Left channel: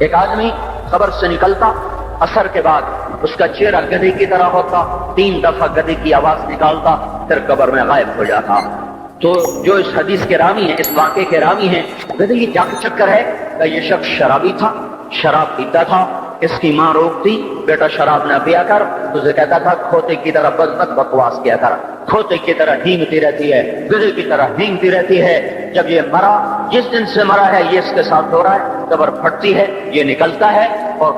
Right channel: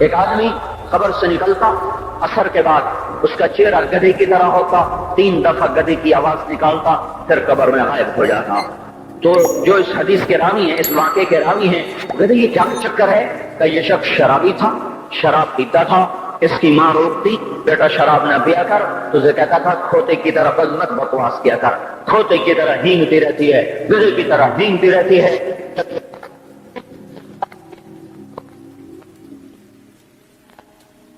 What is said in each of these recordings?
ایک آدمی قبر سے نکلتا، عصر کے بعد اس کا چہرہ گدھے کی طرح ہوتا، 3 دفعہ گدھے کی آواز نکالتا، پھر قبر میں غائب ہو جاتا۔ تو جو اس حدیث کے راوی ہیں، اس واقعے کے راوی ہیں، گدھے کی کیا چکر ہے کہ یہ شخص شرابی تھا، شراب پیتا تھا، اس کی ماں روکتی، بیٹا شراب نہ پیا کر، تو اسے کہتا تھا کھوتے کی طرح بزنک بکواس کیا کر، کھوتے کی طرح ہینگتی رہتی ہے، گدھے کی طرح ہینگتی رہتی ہے۔ جب یہ مرا، جس دن سے مرا ہے یہ اس کے ساتھ ہو رہا ہے، قبر پھٹتی ہے، یہ نکلتا ہے اور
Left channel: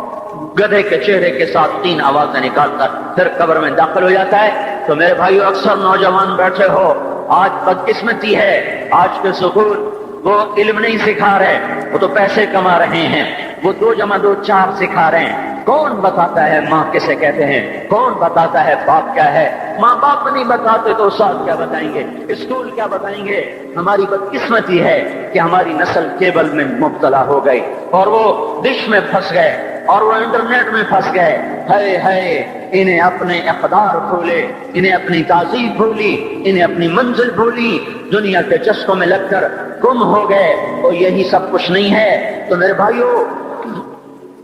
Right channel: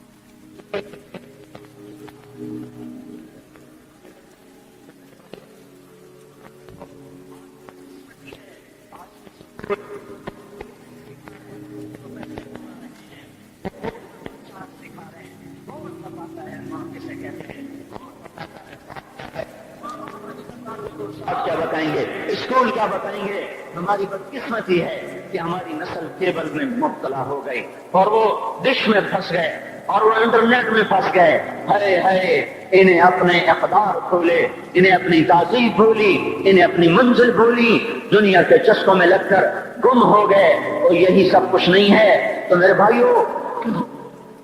گدھے کے چہرے کے ساتھ 3 آوازیں نکالتا، پھر قبر میں داخل ہو جاتا ہے۔ تو میرے بھائیو، اکثر نوجوان بیٹھے ہو، آج بدقسمتی ہے، آج کے سکول وہ علم نہیں سکھا رہے، وہ تو پیسے کما رہے ہیں، وہ 2 + 2 4 سکھا رہے ہیں۔ کون بتاتا ہے ماں کسے کہتے ہیں؟ کون بتاتا ہے باپ کیا ہے؟ ماں باپ نہیں بتاتے تو استاد کیا بتائیں گے، اسکول کیا بتائیں گے؟ ہماری بدقسمتی ہے کہ ہماری نسل کیبل میں مبتلا ہو گئی اور وہ ڈش میں پھنس گئے اور وہ انٹرنیٹ میں پھنس گئے۔ ہائے ہائے، انہیں اپنے اقدار بھولے، انہیں اپنی تہذیب بھولی، انہیں اپنی منزل بھولی، دنیا کے چسکوں میں لگ کر گم ہو گئے، اور یہی سب کچھ نہیں ہے۔ تو میرے بھائیو،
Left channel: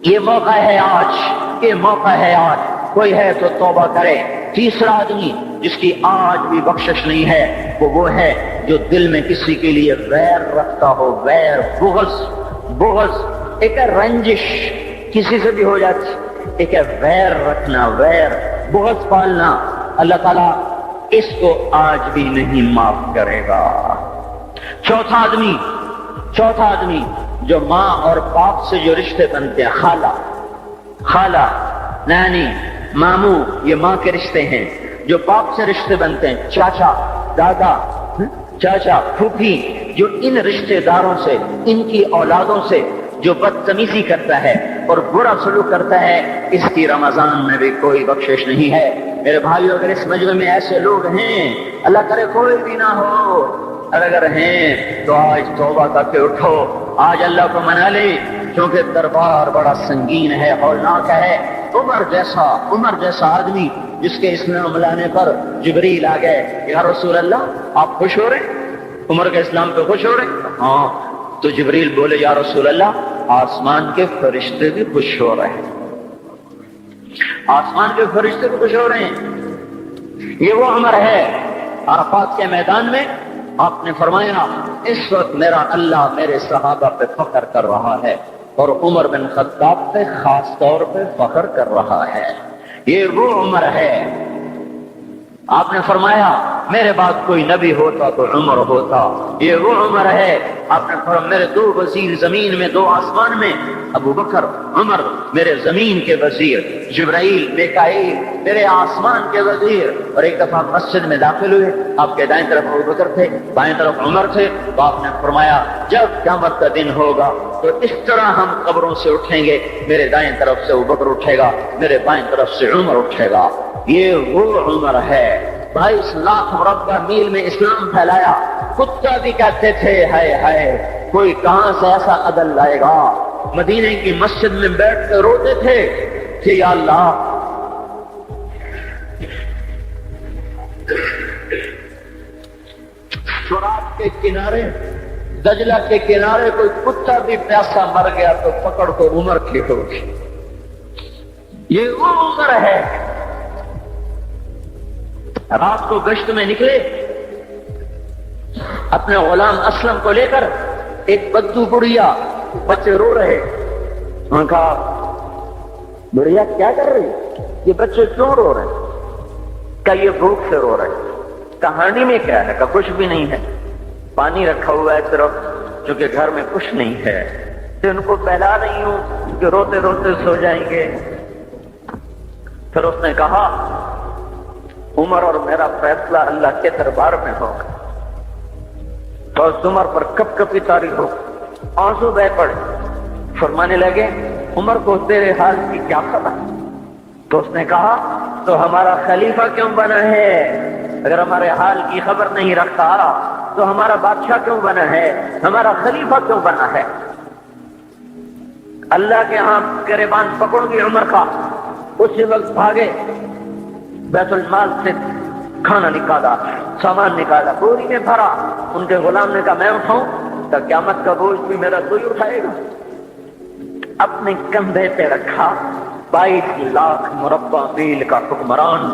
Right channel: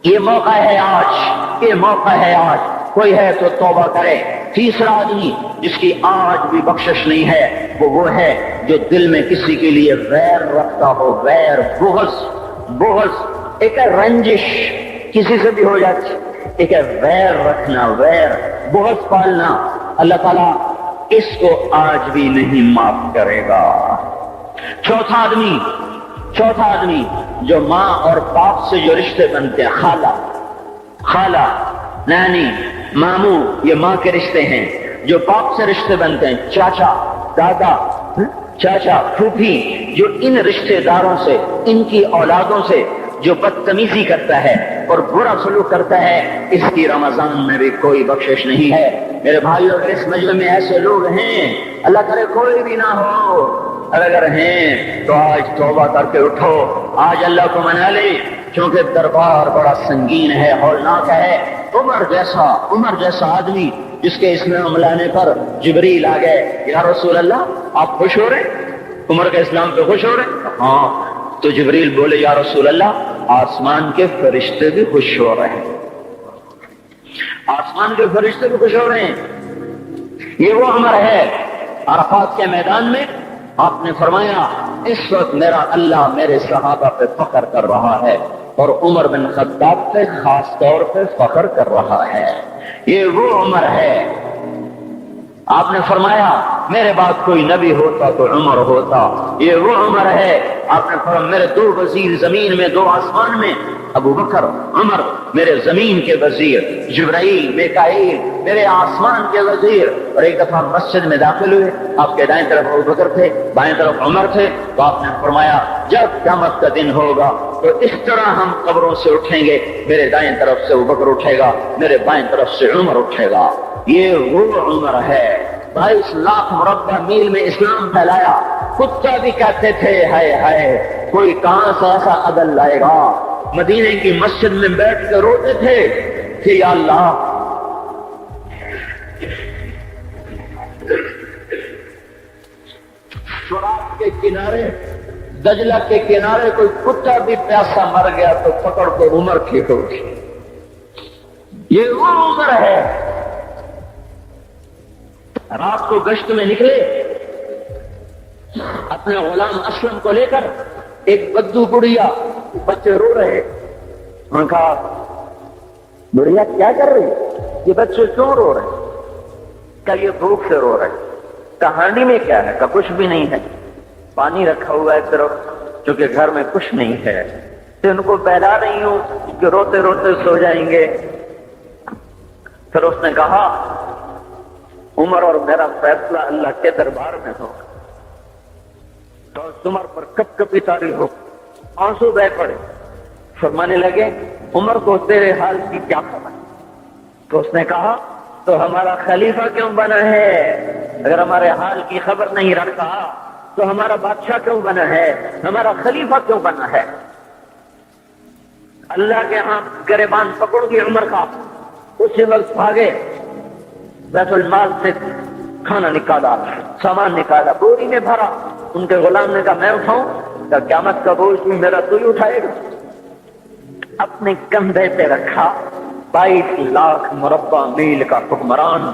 یہ موقع ہے آج، یہ موقع ہے آج، کوئی ہے تو توبہ کرے۔ تیسرا آدمی جس کی آج بھی بخشش نہیں ہے، وہ ہے جو دل میں کسی کے لیے ویر رکھتا ہو، ویر، بغض، ایک ہے رنجش، کسی سے بھی ہو جاتی، ایک ہے ویر رکھنا، ویر، بغض پالنا۔ اللہ تعالیٰ اس کو آج بھی نہیں معاف کرے گا۔ چوتھا آدمی جو ماں اور باپ سے جو رشتے بنتے ہیں، خالہ، نانی، ماموں، یہ ماں کے رشتے ہیں۔ جو باپ سے رشتے بنتے ہیں، چاچا، دادا، چاچا، پھوپھی، جو ان رشتے داروں سے، ان کی اولادوں سے جو بدتمیزی کرتا ہے اور برا سلوک کرتا ہے، اس کی رمضان میں بھی کوئی بخشش نہیں ہے۔ میرے بھائیو، اگر اس مجلس میں ایسے لوگ ہیں، اللہ کرے کوئی بھی نہ ہو، اگر ہیں تو آج توبہ کر کے اٹھو، آج اللہ کو منا لے، کیونکہ دربار بڑا سنگین ہے، ہولناک ہے۔ عمر جیسا آدمی جس کے اسلام لانے پر جبریل آ گئے، یا رسول اللہ آپ خوش ہو رہے؟ عمر کے اسلام پہ خوش ہو رہے؟ ہاں۔ تو جبریل بولے، یا رسول اللہ آسمان کے فرشتے بھی خوش ہو رہے ہیں، آسمان کے فرشتے بھی خوش ہو رہے ہیں۔ یہ وہ عمر ہے۔ عرفات کے میدان میں آپ نے فرمایا، اس وقت میرا اللہ میرے صحابہ پہ فخر کر رہا ہے، اور عمر بن خطاب پہ خاص طور پہ فخر کر رہا ہے۔ یہ وہ عمر ہے۔ آپ نے فرمایا، میرے بعد کوئی نبی ہوتا تو عمر ہوتا۔ یہ وہ عمر ہے۔ آپ نے فرمایا، میرے 2 وزیر زمین میں، 2 آسمان میں، ابو بکر، عمر، میرے زمین کے وزیر، جبرائیل، میکائیل، میرے آسمان کے وزیر۔ اور ایک دفعہ مسجد میں داخل ہوئے، آپ کے دائیں طرف ابو بکر تھے، بائیں طرف عمر تھے، تو آپ نے فرمایا، جب قیامت کا دن ہوگا تو اس طرح ہم قبروں سے اٹھیں گے، میرے دائیں طرف سے ابو بکر اٹھے گا، میرے بائیں طرف سے عمر اٹھے گا۔ یہ وہ عمر ہے۔ 22 لاکھ مربع میل میں اسلام پھیلایا۔ کتے بھی کہتے تھے، ہائے ہائے، کوئی کہاں سے ایسا عدل لائے گا۔ مدینے کی مسجد میں بیٹھ کے روتے تھے کہ یا اللہ، فرات کے کنارے، دجلہ کے کنارے کوئی کتا بھی پیاسا مر گیا تو پکڑ کے عمر کھینچو گی۔ یہ وہ عمر ہے۔ رات کو گشت میں نکلے، اپنے غلام اسلم کو لے کر، ایک بدو بڑھیا، بچے رو رہے، انہوں نے کہا، بڑھیا کیا کر رہے؟ یہ بچے کیوں رو رہے؟ کہ یہ بھوک سے رو رہے۔ کہانی میں کیا ہے؟ کہ کچھ بھی نہیں ہے، پانی رکھا ہوا ہے طرف، چونکہ گھر میں کچھ نہیں ہے، تو ان کو بہلا نہیں ہوں کہ روتے روتے سو جائیں گے۔ پھر اس نے کہا، عمر اور میرا فیصلہ اللہ کے دربار میں ہوگا۔ تو اس عمر پر کب کبھی تاری ہو، آنسو بہ پڑے، فرمانے لگے، عمر کو تیرے حال کی کیا خبر؟ تو اس نے کہا، تو ہمارا خلیفہ کیوں بنا ہے؟ اگر ہمارے حال کی خبر نہیں رکھتا تو ہمارا بادشاہ کیوں بنا ہے؟ ہمارا خلیفہ کیوں بنا ہے؟ اللہ کے ہاں گریبان پکڑ گئے عمر کا، اسی وقت بھاگے، بیت المال سے کھانا نکالا، سامان نکالا، بوری میں بھرا۔ ان کے غلام نے کہا، میں اٹھاؤں؟ کہ قیامت کا بوجھ بھی میرا کوئی اٹھائے گا؟ اپنے کندھے پہ رکھا 22 لاکھ مربع میل کا حکمران،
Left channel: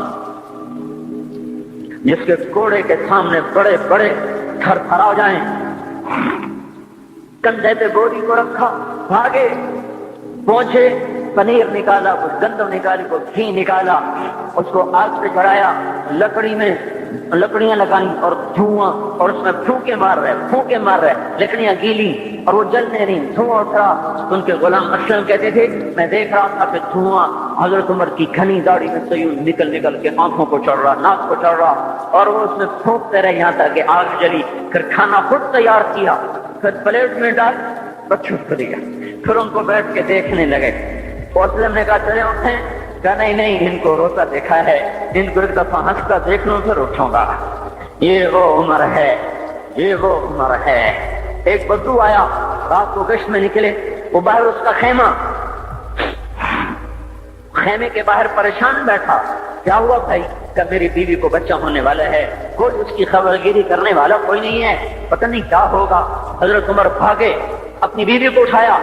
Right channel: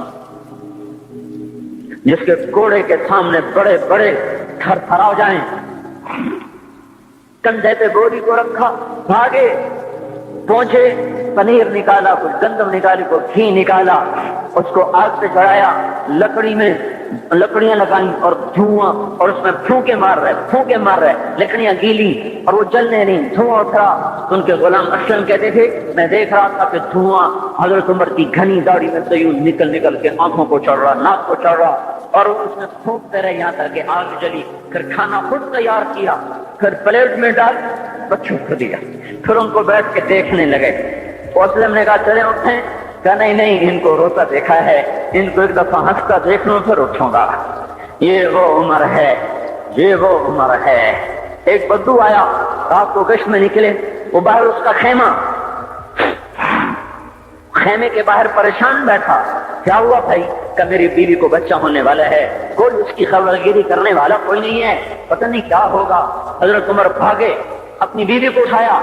جس کے گھوڑے کے سامنے بڑے بڑے تھر تھر آ جائیں، کندھے پہ بوری کو رکھا، بھاگے پہنچے، پنیر نکالا، کچھ گندم نکالی، کچھ گھی نکالا، اس کو آگ پہ چڑھایا، لکڑی میں لکڑیاں نکالی اور دھواں، اور اس میں پھونکے مار رہے، لکڑیاں گیلی اور وہ جلنے نہیں، دھواں اٹھا۔ ان کے غلام اشم کہتے تھے میں دیکھ رہا تھا کہ دھواں حضرت عمر کی گھنی داڑھی میں سے یوں نکل کے آنکھوں کو چڑھ رہا، ناک کو چڑھ رہا، اور وہ اس میں پھونکتے رہے یہاں تک کہ آگ جلی۔ پھر کھانا خود تیار کیا، پھر پلیٹ میں ڈال بچوں کو دیا، پھر ان کو بیٹھ کے دیکھنے لگے۔ اسلم نے کہا چلے اٹھیں، کہا نہیں، ان کو روتا دیکھا ہے، ان کو ایک دفعہ ہنس کر دیکھ لو پھر اٹھوں گا۔ یہ وہ عمر ہے، یہ وہ عمر ہے۔ ایک بدو آیا، رات کو گشت میں نکلے، وہ باہر اس کا خیمے کے باہر پریشان بیٹھا، کیا ہوا بھائی؟ کہ میری بیوی کو بچہ ہونے والا ہے، کوئی اس کی خبرگیری کرنے والا کوئی نہیں ہے، پتہ نہیں کیا ہوگا۔ حضرت عمر بھاگے، اپنی بیوی کو اٹھایا،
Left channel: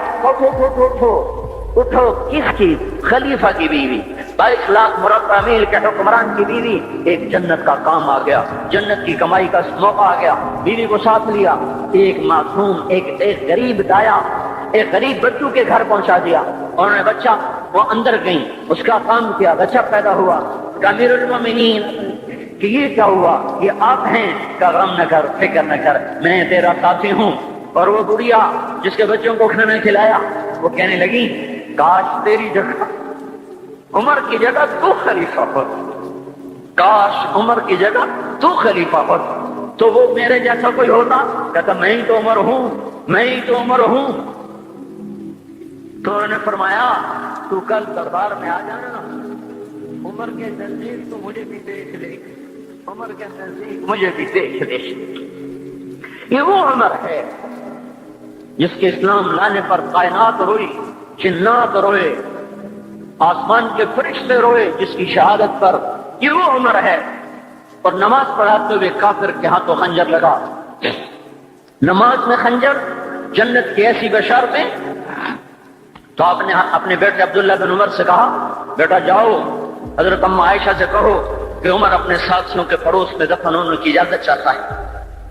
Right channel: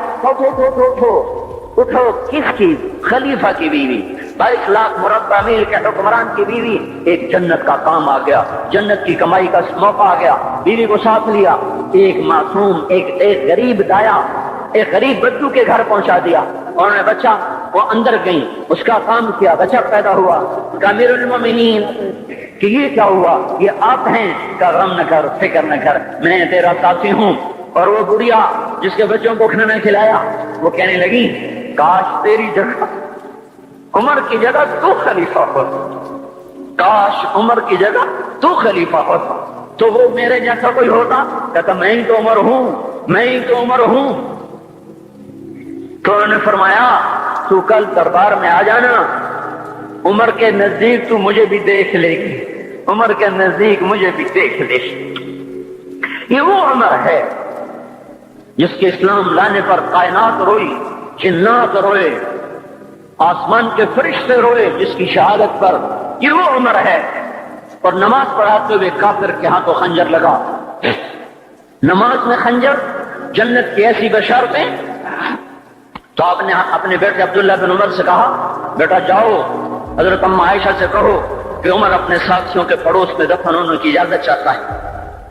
اٹھو، کس کی؟ خلیفہ کی بیوی، 22 لاکھ مربع میل کے حکمران کی بیوی۔ ایک جنت کا کام آ گیا، جنت کی کمائی کا موقع آ گیا، بیوی کو ساتھ لیا، ایک معصوم، ایک غریب دایا، ایک غریب بدو کے گھر پہنچا دیا، اور بچہ وہ اندر گئی، اس کا کام کیا، بچہ پیدا ہوا۔ امیر المومنین کہ یہ کیا ہوا؟ یہ آپ ہیں، کہ غم نہ کر، فکر نہ کر، میں تیرا ساتھی ہوں۔ اور وہ بڑھیا جس کے بچوں کو کھانا کھلایا، وہ کہنے لگی کاش تیری جگہ عمر کی جگہ تو خلیفہ ہوتا، کاش عمر کی جگہ تو خلیفہ ہوتا تو وہ میرے جیسا کوئی ہوتا۔ کہتا میں ہی تو عمر ہوں، میں ہی تو عمر ہوں۔ تو انہوں نے فرمایا تو کل دربار میں آ جانا، عمر کے نزدیک تو مجھے بھی دیکھ لے گی، عمر کے نزدیک مجھے بھی دیکھ لے گی۔ یہ وہ عمر ہے جس کے اسلام لانے پر کائنات روئی، جنات روئے، آسمان کے فرشتے روئے، جس کی شہادت پر یہ وہ عمر ہے۔ اور نماز پڑھاتے ہوئے کافر کے ہاتھوں خنجر لگا، نماز میں خنجر، جنت کی ایسی بشارت ہے۔ تو آپ نے اپنے بیٹے عبداللہ بن عمر سے کہا بیٹا جاؤ حضرت اماں عائشہ سے کہو کہ عمر اپنے ساتھیوں کے پڑوس میں دفن ہونے کی اجازت چاہتا ہے،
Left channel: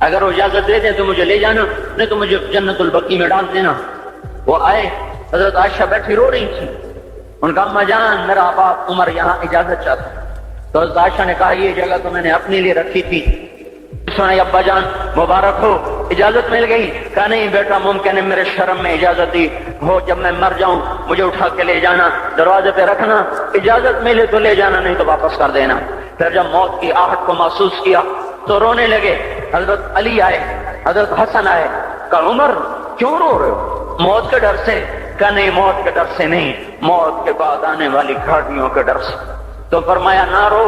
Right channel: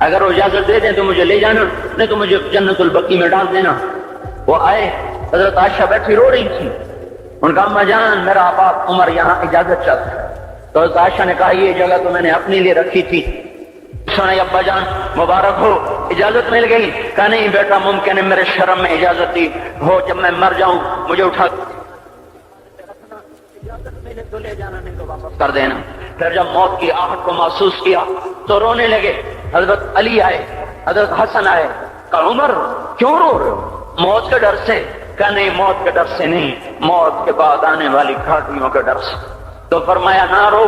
اگر وہ اجازت دے دیں تو مجھے لے جانا، نہیں تو مجھے جنت البقیع میں ڈال دینا۔ وہ آئے، حضرت عائشہ بیٹھی رو رہی تھی، ان کا اما جان میرا باپ عمر یہاں اجازت چاہتا ہے۔ تو حضرت عائشہ نے کہا یہ جگہ تو میں نے اپنے لیے رکھی تھی۔ ابا جان مبارک ہو، اجازت مل گئی؟ کہا نہیں بیٹا ممکن ہے میرے شرم میں اجازت دی ہو، جب میں مر جاؤں مجھے اٹھا کے لے جانا، دروازے پہ رکھنا، اجازت ملے تو لے جانا، نہیں تو واپس کر دینا۔ پھر جب موت کی آہٹ کو محسوس کیا تو رونے لگے۔ حضرت علی آئے، حضرت حسن آئے، کہا عمر کیوں رو رہے ہو؟ موت کے ڈر سے؟ کہا نہیں موت کے ڈر سے نہیں، موت کے بعد آنے والی گھاٹیوں کے ڈر سے۔ تو فرمایا نہ رو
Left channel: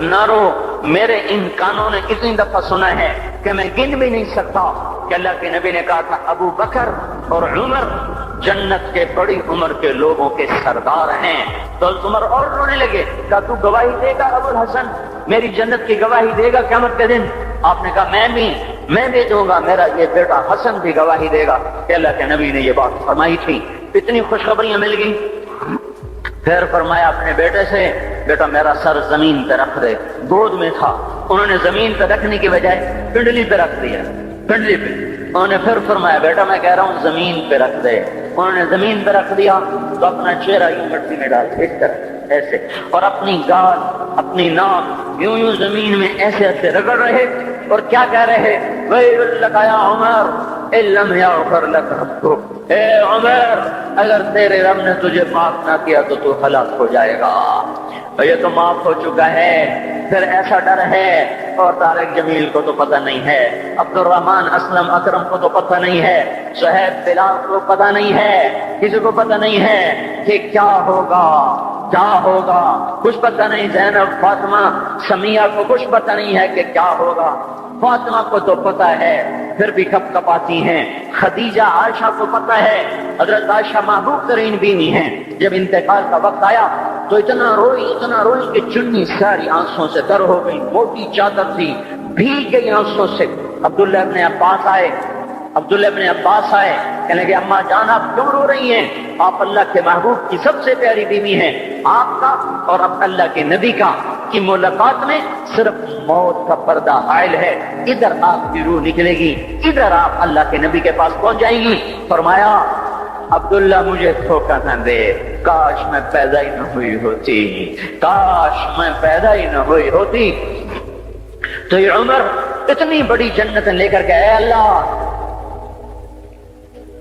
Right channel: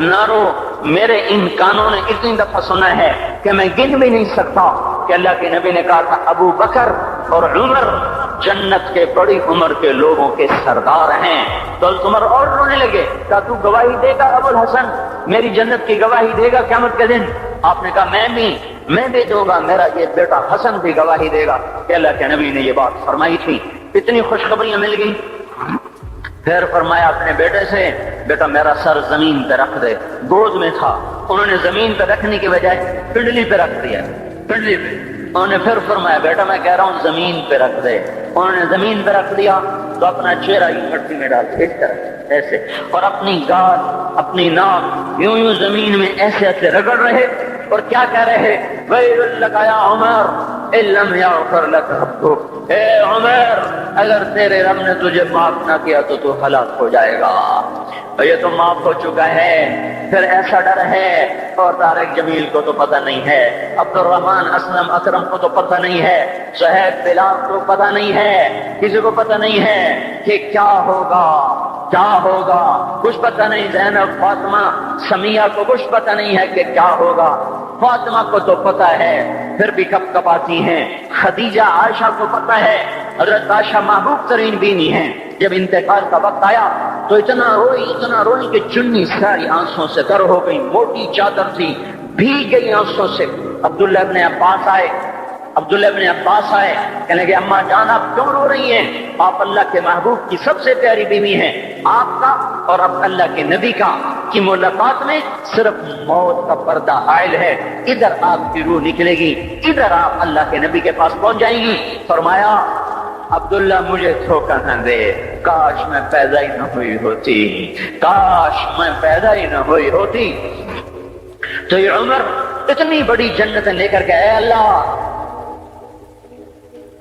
نہ رو، میرے ان کانوں نے اتنی دفعہ سنا ہے کہ میں گن بھی نہیں سکتا کہ اللہ کے نبی نے کہا تھا ابو بکر اور عمر جنت کے بڑی عمر کے لوگوں کے سردار ہیں۔ تو عمر اور رونے لگے، کہا تو گواہی دے گا ابو الحسن، میری جنت کی گواہی دے گا قیامت کے دن؟ آپ نے کہا میں بھی دوں گا، میرا یہ بیٹا حسن بھی گواہی دے گا کہ اللہ کے نبی نے یہ بات فرمائی تھی۔ اتنی خوشخبریاں مل گئی۔ پھر فرمایا اپنے بیٹے سے بیٹا میرا سر زمین پہ رکھ دے، گود میں تھا، انہوں نے زمین پہ رکھنے کی بجائے پنڈلی پہ رکھ دیا، پنڈلی پہ۔ انہوں نے پھر فرمایا بیٹا میں کہہ رہا ہوں زمین پہ رکھ دے، انہوں نے زمین پہ رکھ دیا تو اپنا چہرہ یوں مٹی میں ڈال اس طرح ایسے، اور اپنی گال اپنی ناک یوں زمین میں ایسے ایسے رگڑ رہے اور کیا کہہ رہے ہیں ویل لک یا عمر ان لم یغفر لک ربک، اے عمر اگر تیرے رب نے تجھے معاف نہ کیا تو ہلاک ہو جائے گا، یہ تو معاف ہو چکا ہے۔ پھر ایسا ڈر ہے، اور طارق جمیل کو تو پتہ نہیں ہے، عبد الرحمن اسلم اکرم کو تو پتہ نہیں ہے، شہید بلال کو پتہ نہیں ہے، کسی کو پتہ نہیں ہے کہ کیا ہوگا کیا ہوگا، کچھ پتہ نہیں۔ زینب فاطمہ سمیہ کو کچھ پتہ نہیں ہے کہ کیا ہوگا، فاطمہ کو تو پتہ ہے پھر بھی کب کب آتی ہیں، خدیجہ عائشہ کو پتہ ہے، حضرت عائشہ محبوب ترین بیوی ہیں۔ جب انتقال کا وقت آیا تو اتنا روئی کہ چنی ساری آنسوں سے در ہو گئی، موٹی چادر تھی بھیگ گئی آنسوں سے۔ عبداللہ ابن عباس آئے، عبداللہ ابن عباس آئے، کہنے کہ اماں جان آپ دور ہو رہی ہیں، آپ اللہ کے محبوب کی سب سے پیاری بیوی ہیں، آپ کا اور اب اللہ کے نبی کا کی ملاقات میں صرف موت کا پردہ حائل ہے، ادھر آپ کی روح نکلے گی، ادھر آپ اللہ کے نبی کے پاس پہنچ جائیں گی۔ فرمایا عبداللہ مجھے دھوکہ نہ دے، کاش میں پیدا ہی نہ ہوئی ہوتی، کاش میں پیدا ہی نہ ہوئی ہوتی۔ تو یہ عمر اتنی بڑی جنت لے کر گئے، اللہ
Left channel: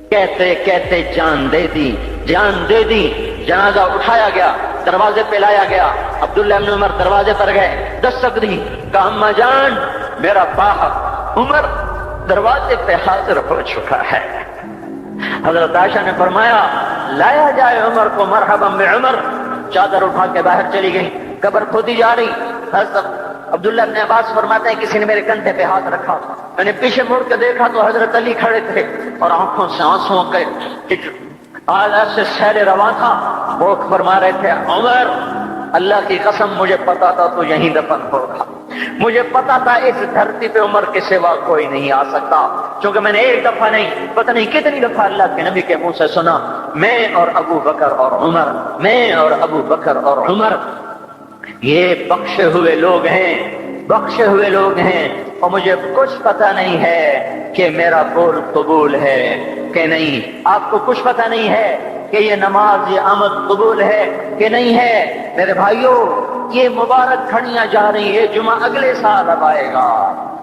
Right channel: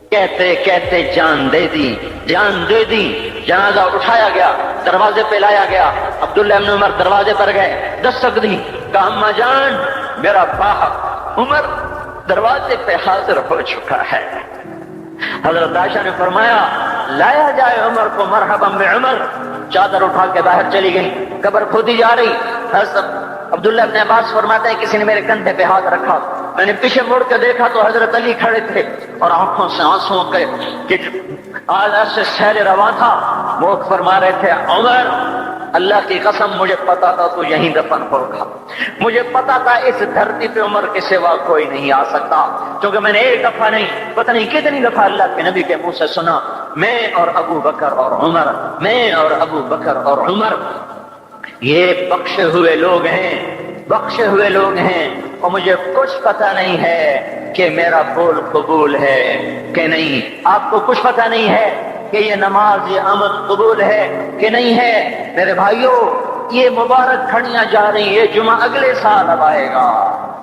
کہتے کہتے جان دے دی، جان دے دی۔ جنازہ اٹھایا گیا، دروازے پہ لایا گیا، عبداللہ ابن عمر دروازے پر گئے، دستک دی، کہا اماں جان میرا باپ عمر دروازے پہ حاضر ہو چکا ہے۔ حضرت عائشہ نے فرمایا لایا جائے عمر کو، مرحبا بعمر۔ چادر اٹھا کے باہر چلی گئی، قبر کھودی جا رہی۔ عبداللہ ابن عباس فرماتے ہیں کسی نے میرے کندھے پہ ہاتھ رکھا، میں نے پیچھے مڑ کے دیکھا تو حضرت علی کھڑے تھے اور آنکھوں سے آنسو کے آلہ سے سین روا تھا، وہ فرما رہے تھے عمر اللہ کی قسم مجھے پتا تھا تو یہیں دفن ہوگا، مجھے پتا تھا اس دھرتی پہ عمر کے سوا کوئی نہیں آ سکتا، کیونکہ میں نے ایک دفعہ نہیں پتہ نہیں کتنی دفعہ اللہ کے نبی کے منہ سے سنا، میں اور ابو بکر اور عمر، میں اور ابو بکر اور عمر یہ بخشے ہوئے لوگ ہیں، بخشے ہوئے لوگ ہیں، اور مجھے کچھ پتہ نہیں ہے کہ میرا قول قبول ہے کہ نہیں، آپ کو کچھ پتہ نہیں ہے کہ یہ نماز یہ عمل قبول ہے کہ نہیں ہے۔ میرے بھائیوں یہ مبارک کھڑیاں جا رہی ہے، جمعہ اگلے سال اب آئے گا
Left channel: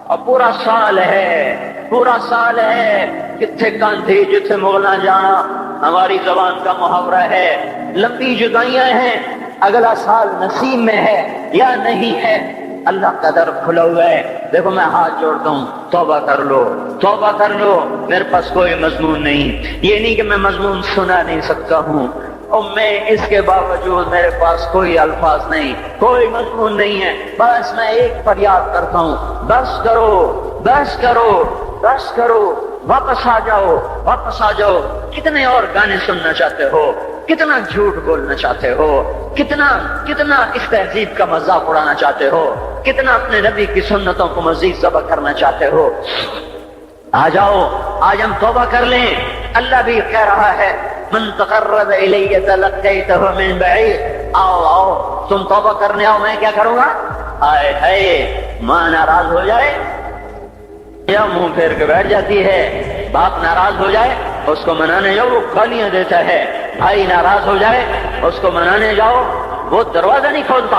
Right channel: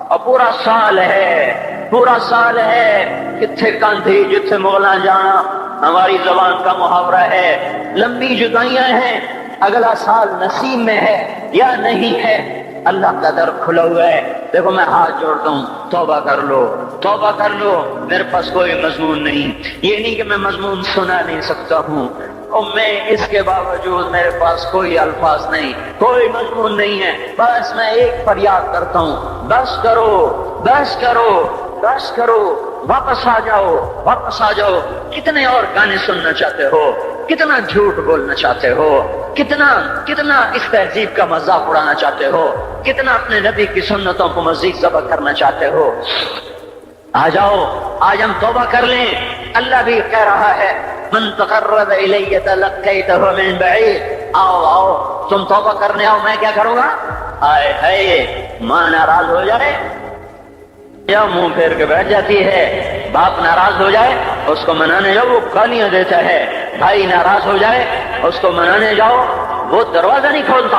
اور پورا سال ہے، پورا سال ہے، کتنے گاندھی جتنے مولا جہاں ہماری زبان کا محاورہ ہے، لمبی جدائیاں ہیں، اگلا سال نصیب میں ہے یا نہیں ہے، اللہ کا در کھلا ہوا ہے۔ دیکھو میں ہاتھ جوڑتا ہوں، توبہ کر لو، توبہ کر لو، میرے پاس کوئی مضمون نہیں، یہ نہیں کہ میں مضمون سنا نہیں سکتا ہوں، اور میں اس کے باوجود میرے پاس کوئی الفاظ نہیں، کوئی مضمون نہیں ہے، بس میں ایک فریاد کرتا ہوں، بس کرو، بس کرو، بس کرو، واپس آ جاؤ، واپس آ جاؤ۔ کتنے اور گانے سننا چاہتے ہو، کتنا جھوٹ بولنا چاہتے ہو، کتنا اس تہذیب کا مذاق اڑانا چاہتے ہو، کتنا اپنے نبی کی سنتوں کو مزید ذبح کرنا چاہتے ہو۔ آ جاؤ، آج ہم توبہ کر لیں۔ اللہ بھی کہہ رہا ہے من تقرب الی تلقیتہ من بعید، آؤ آؤ تم توبہ کرنے آؤ، میں کیا کروں گا؟ آئے ہے ماں ناراض ہو جائے یا منہ پھیر کے بیٹھ جاتی ہے، باپ ناراض ہو جائے اس کو منانے جاؤ گالیاں دیتا ہے، بھائی ناراض ہو جائے اس کو منانے جاؤ وہ دروازہ نہیں کھولتا،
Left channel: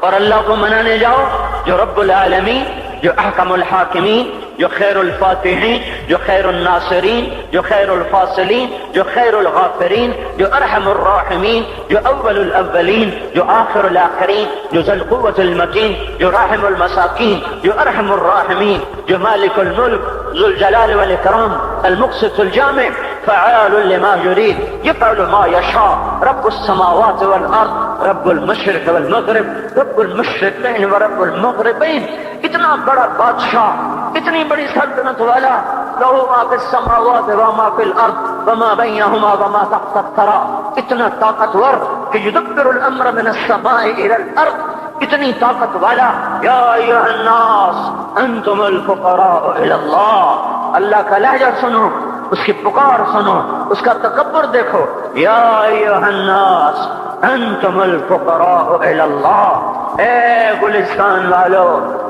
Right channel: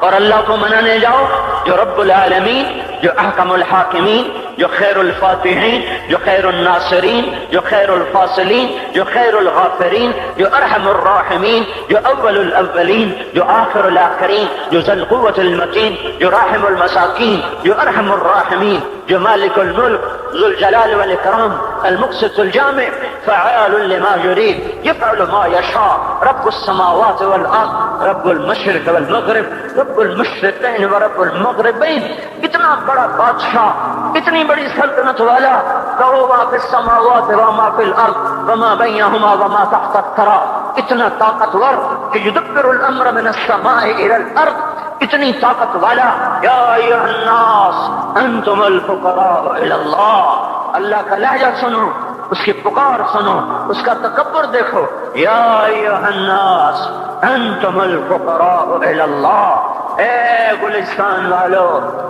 اور اللہ کو منانے جاؤ جو رب العالمین، جو احکم الحاکمین، جو خیر الفاتحین، جو خیر الناصرین، جو خیر الفاصلین، جو خیر الغافرین، جو ارحم الراحمین، جو اول الاولین، جو آخر الاخرین، جو ذو القوة المتین، جو راحم المساکین، جو ارحم الراحمین، جو مالک الملک ذو الجلال والاکرام المقسط الجامع فعال لما يريد يفعل ما يشاء رب السماوات والارض رب المشرق والمغرب رب المشرقین ورب المغربین۔ اتنا بڑا بادشاہ، اتنی بڑی سلطنت والا، کہو ما فی السماوات وما فی الارض وما بینہما وما تحت الثری، اتنا طاقتور کہ یدبر الامر من السماء الى الارض، اتنی طاقت والا۔ یا ایھا الناس انتم الفقراء الی اللہ، اللہ کا لہجہ سنو، اس کی پکار سنو، اس کا تکبر دیکھو۔ یا ایھا الناس انتم الفقراء الی اللہ، اے گلستان والو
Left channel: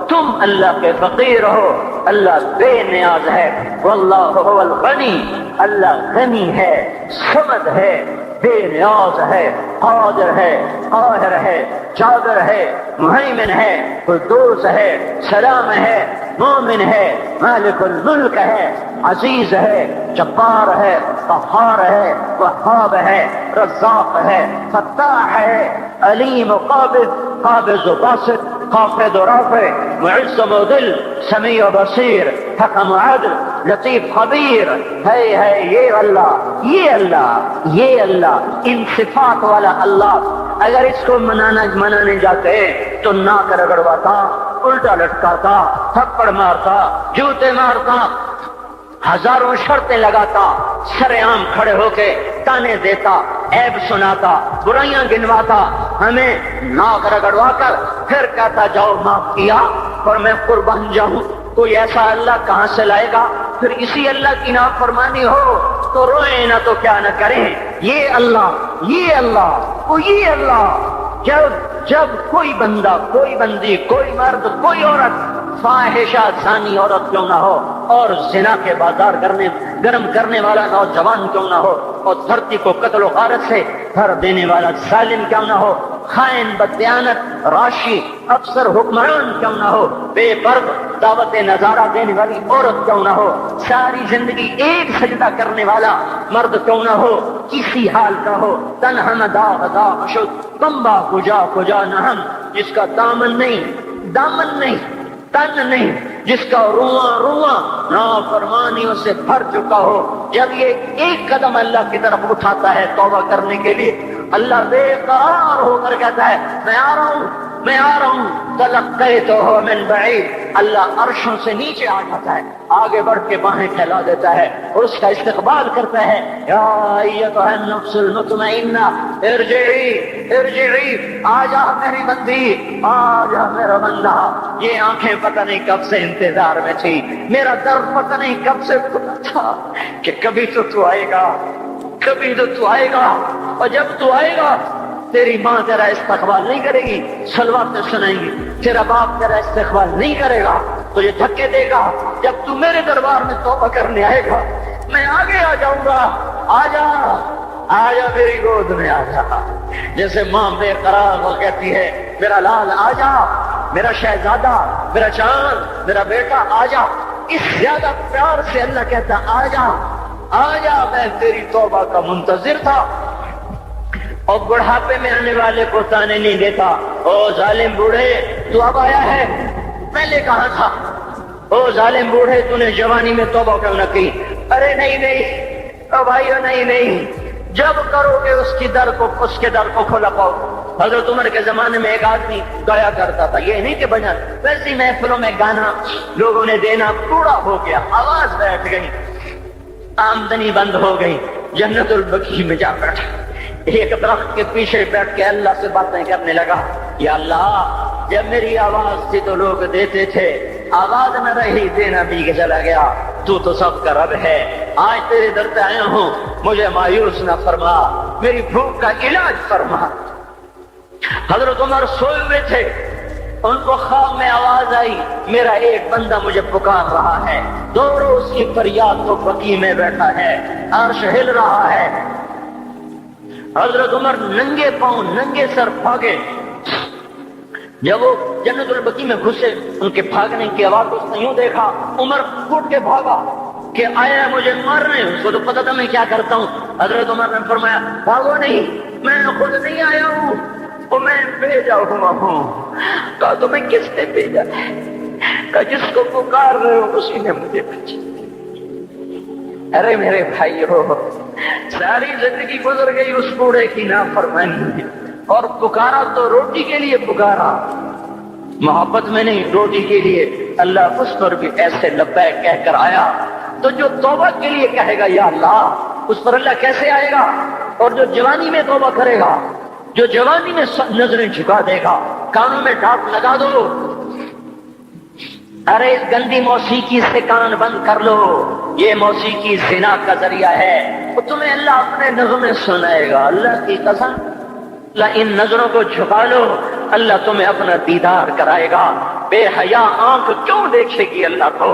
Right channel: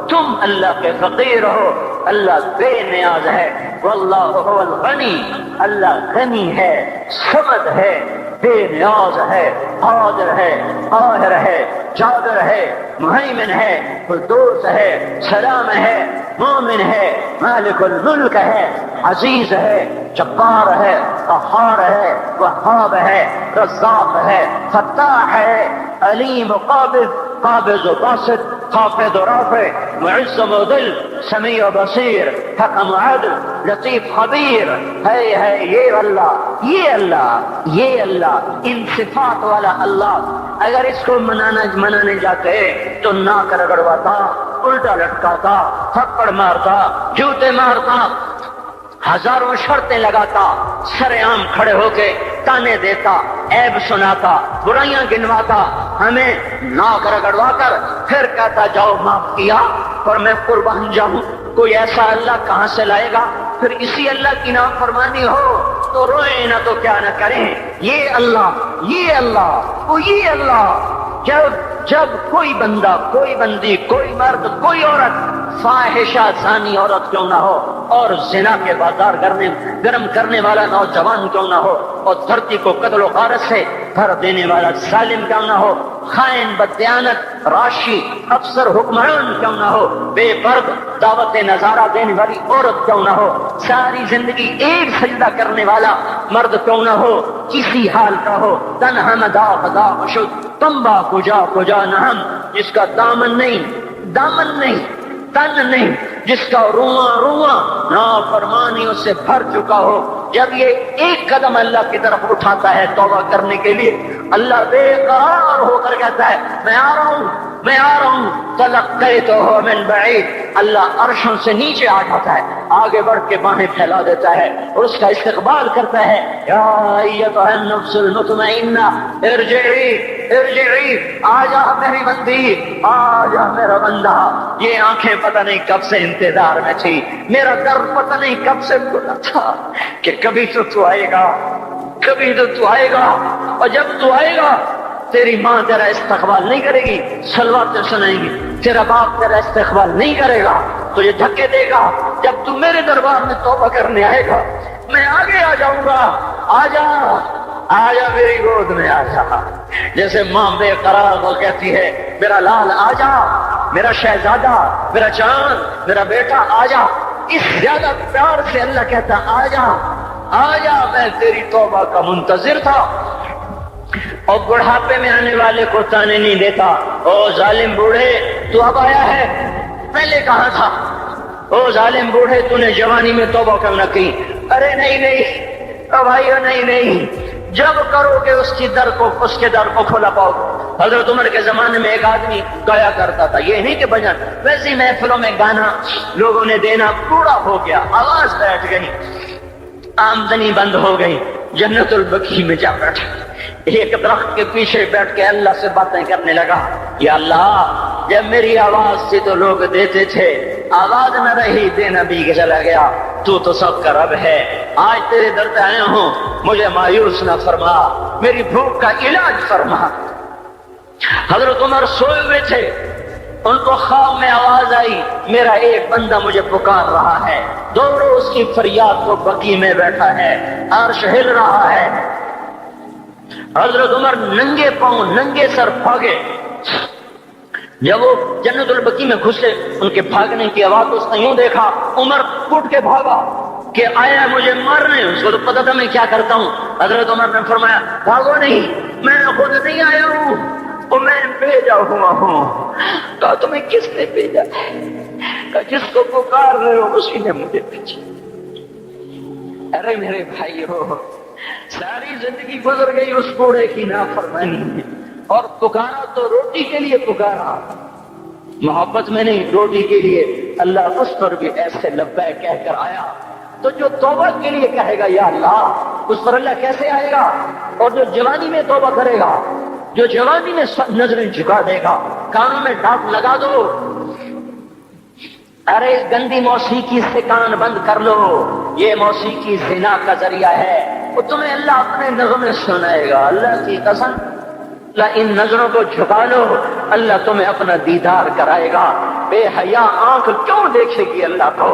تم اللہ کے فقیر ہو، اللہ بے نیاز ہے، واللہ هو الغنی، اللہ غنی ہے، صمد ہے، بے نیاز ہے، قادر ہے، قاہر ہے، جابر ہے، مہیمن ہے، قدوس ہے، سلام ہے، مومن ہے، مالک الملک ہے، عزیز ہے، جبار ہے، قہار ہے، وہاب ہے، رزاق ہے، فتاح ہے، علیم و قابض و باسط، خافض و رافع، معز و مذل، سمیع و بصیر، حکم و عدل، لطیف خبیر ہے یہ اللہ، یہ اللہ، یہ اللہ، ان صفات والا اللہ۔ اگر اس کو منانے جاتے تو ناک رگڑواتا، الٹا لٹکاتا، تھپڑ مارتا، جوتے مارتا، ہزاروں شرطیں لگاتا، سر عام کھڑے ہو کے تانے دیتا، عیب سناتا، برائیاں گنواتا، ہمیں ناک رگڑوا کر پھر کہتا جاؤ معاف کیا اور میں قربان جاؤں۔ کوئی ایسا اللہ کہاں سے لائے گا؟ پھر اسی اللہ کی نافرمانی ہو تو روئے نہ تو کیا نہ کریں، یہ اللہ، یہ اللہ، وہ یہ اللہ۔ جب کوئی بندہ، کوئی بندی، کوئی مرد، کوئی عورت فاحشہ زانی عورت کیوں نہ ہو، اور زنا کے بازار گرم کرنے والا نوجوان کیوں نہ ہو، اور دھرتی کو قتل و غارت سے بھر دینے والا ظالم کیوں نہ ہو، خائن، بددیانت، راشی، افسر، حکمران کیوں نہ ہو، بے پرد دعوت نظارہ دینے والی عورت کیوں نہ ہو، ساری زندگی ایک سجدہ کرنے والا مرد کیوں نہ ہو، کسی حال کا ہو، تنہا نہ داؤ خدا اشد تمبا کجا نہم، جس کا دامن نہیں، تن نہیں، جس کا رواں نافرمانیوں سے بھر چکا ہو، جب یہ ایک قدم اللہ کی طرف اٹھاتا ہے توبہ کرنے کے لیے، اللہ بے قرار ہو کر کہتا ہے میں آ رہا ہوں، تلقیتہ من بعید، اللہ عرشوں سے نیچے آ جاتا ہے، آگے بڑھ کے باہیں پھیلا دیتا ہے اور اس کا استقبال کرتا ہے، یا ایتھا النفس المطمئنہ ارجعی، آ جا میری بندی، آ جا میرا بندہ۔ یہ آنکھیں پتہ نہیں کب سے انتظار میں تھی، میرا درد پتہ نہیں کب سے گزرا تھا کہ کبھی تو آئے گا، کبھی تو آئے گا، اور جب تو آئے گا تیری ماں تیرا استقبال نہیں کرے گی، صلوات سنائیں گی، تیرا باپ تیرا استقبال نہیں کرے گا، تجھے دھکے دے گا۔ جب تو میرے دربار میں توبہ کرنے آئے گا میں آگے آ جاؤں گا، آ جا میری گود میں آ جا، جیسے ماں بے قرار وہ کہتی ہے میرا لال آ جا، میرا شہزادہ، میرا چاند، میرا بیٹا آ جا، اس زیادہ پیار سے اللہ کہتا آ جا، میں تیری توبہ کا منتظر تھا۔ اور بڑھاپے میں آنے والے کو تانے نہیں دیتا، او ظالم بوڑھے تو اب آیا ہے، میں نے کہا تھا، او ظالم بوڑھے تو نے جوانی میں توبہ کیوں نہ کی؟ ارے نہیں، اب بھائیو نہیں، جب کرو گے اس کے در کو کھولا پاؤ۔ حضرت عمر کے زمانے میں ایک آدمی گایا کرتا تھا، یہ نہیں کہ بجن، ویسی محفلوں میں گانا لوگوں نے دینا پورا ہو گیا، آواز بیٹھ گئی، آمدنی بند ہو گئی، جنت البقیع میں جا بیٹھا، ایک درخت کے پیچھے بیٹھ کے اللہ سے باتیں کرنے لگا، یا اللہ جب میری آواز سے تو لوگ دیتے تھے، آواز نہ رہی، دینا بھی چلا گیا، تو سب کا رب ہے، آج تیرے در پہ آیا ہوں، مجھے مایوس نہ فرما، میری بھوک کا علاج فرما۔ حضرت عمر سوئے ہوئے تھے، ان کو خواب میں آواز آئی، میرا ایک بندہ مجھے پکار رہا ہے، دوڑو اس کی فریاد تو بقیع میں بیٹھا ہے، عرش ہل رہا ہے۔ حضرت عمر ننگے پاؤں ننگے سر بھاگے، جب وہ جنت البقیع میں گھسے ان کے بھاگنے کی آواز اس نے یوں دیکھا، عمر اٹھ کے بھاگا کہ آیا مجھے مارنے، اس کو تو پتا تھا میں کیا کرتا ہوں۔ حضرت عمر نے فرمایا بھاگو نہیں، میں خود نہیں آیا ہوں اور میں بھیجا ہوا ہوں۔ کہا تمہیں کس نے بھیجا؟ کہا جس کو پکار رہے ہو اسی نے مجھے بھیجا۔ ارے میرے بھائیو، ساری زندگی گزر گئی اس بوڑھے کی نافرمانی میں، اور پکارا تو روٹی کے لیے پکارا، محبت میں نہیں، روٹی کے لیے۔ اللہ اس پر بھی ایسے لبیک کہہ کر آیا، تو جو توبہ کے لیے کہے گا یا اللہ، اس پر اللہ کیسے آئے گا؟ اور جو جوانی میں توبہ کرے گا، جو جوانی میں سب نظریں جھکا دے گا، کانی میں ڈاک لگا دو، ارے اس گندی موسیقی سے کان بند کر لو، یہ موسیقی زنا کا ذریعہ ہے، وہ تمہیں اللہ اپنے نغمے سنائے گا۔ اللہ کی قسم، ان نظروں کو جھکا لو، اللہ تمہیں اپنا دیدار کرائے گا۔ بے حیا آنکھ کیوں دیکھے گی اللہ کو؟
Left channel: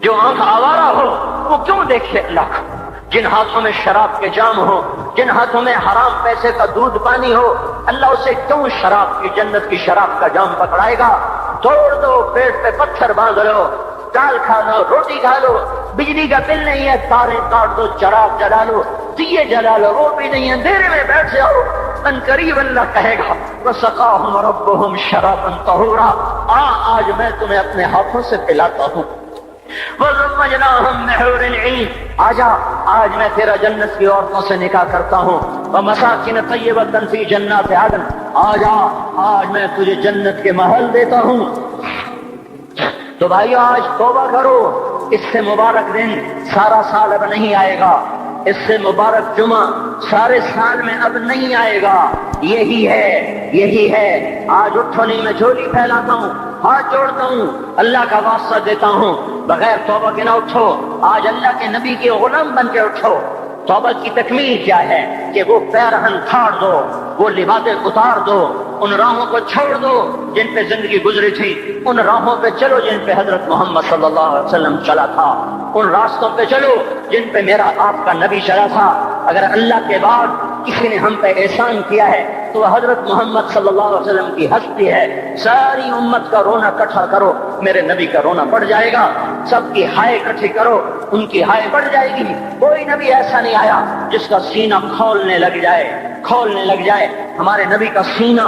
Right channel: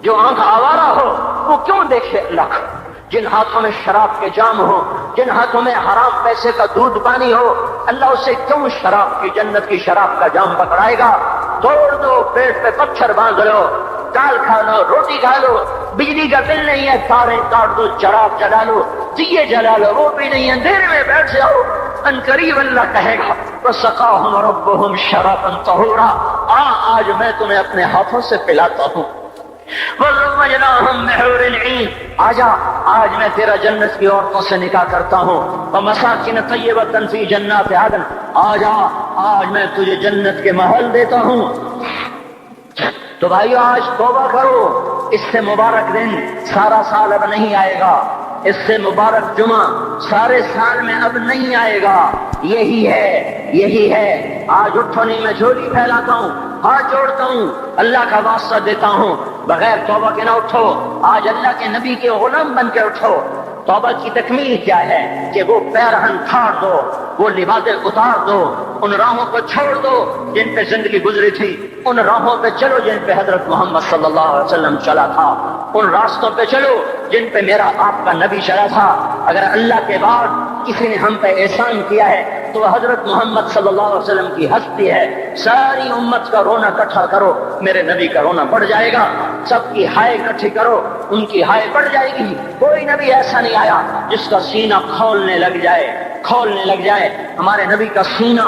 جو آنکھ آوارہ ہو وہ کیوں دیکھے اللہ کو؟ جن ہاتھوں میں شراب کے جام ہو، جن ہاتھوں میں حرام پیسے کا دودھ پانی ہو، اللہ اسے کیوں شراب کی، جنت کی شراب کا جام پکڑائے گا؟ توڑ دو، پیٹ پہ پتھر باندھ لو، دال کھا لو، روٹی کھا لو، بجلی کا بل نہیں ہے، تارے کاٹ دو، چراغ چلا لو، دیے جلا لو، وہ بھی نہیں ہے، اندھیرے میں بیٹھ جاؤ، ان قریب اللہ کہے گا وَسَقَاهُمْ رَبُّهُمْ شَرَابًا طَهُورًا، آج میں تمہیں اپنے ہاتھوں سے پلاتا ہوں۔ وَزَوَّجْنَاهُمْ بِحُورٍ عِينٍ، آج میں تیرا جنت کی عورتوں سے نکاح کرتا ہوں۔ وَمَسَاكِنَ طَيِّبَةً فِي جَنَّاتِ عَدْنٍ، آج میں تجھے جنت کے محل دیتا ہوں۔ تو بھائیو آج توبہ کرو، اس سے مبارک دن سارا سال اب نہیں آئے گا، اس سے مبارک جمعہ سارے سال میں اب نہیں آئے گا، یہی ہے۔ آج اٹھو نہیں، میں جولی پھیلاتا ہوں، ہاتھ جوڑتا ہوں، اللہ کا واسطہ دیتا ہوں، بغیر توبہ کے نہ اٹھو، آج اللہ کے نبی کے غلام بن کے اٹھو۔ توبہ کی تکمیل کیا ہے کہ وہ پیرہن پھاڑ دو، وہ لباسیں اتار دو، ان راہوں کو چھوڑ دو جن پہ زندگی گزری تھی، ان راہوں پہ چلو جن پہ حضرت محمد صلی اللہ علیہ وسلم چلا تھا، ان راستوں پہ چلو جن پہ میرا آپ کا نبی چلا تھا۔ اگر اللہ کے بعد کسی نے ہم پہ احسان کیا ہے تو حضرت محمد صلی اللہ علیہ وسلم کی ہستی ہے۔ ساری امت کا رونا اکٹھا کرو، میرے نبی کا رونا بڑھ جائے گا۔ سب کی ہائے اکٹھی کرو، ان کی ہائے بڑھ جائے گی۔ کوئی نبی ایسا نہیں آیا جس کا سینہ کھولنے لگ جائے۔ ہمارے نبی کا سینہ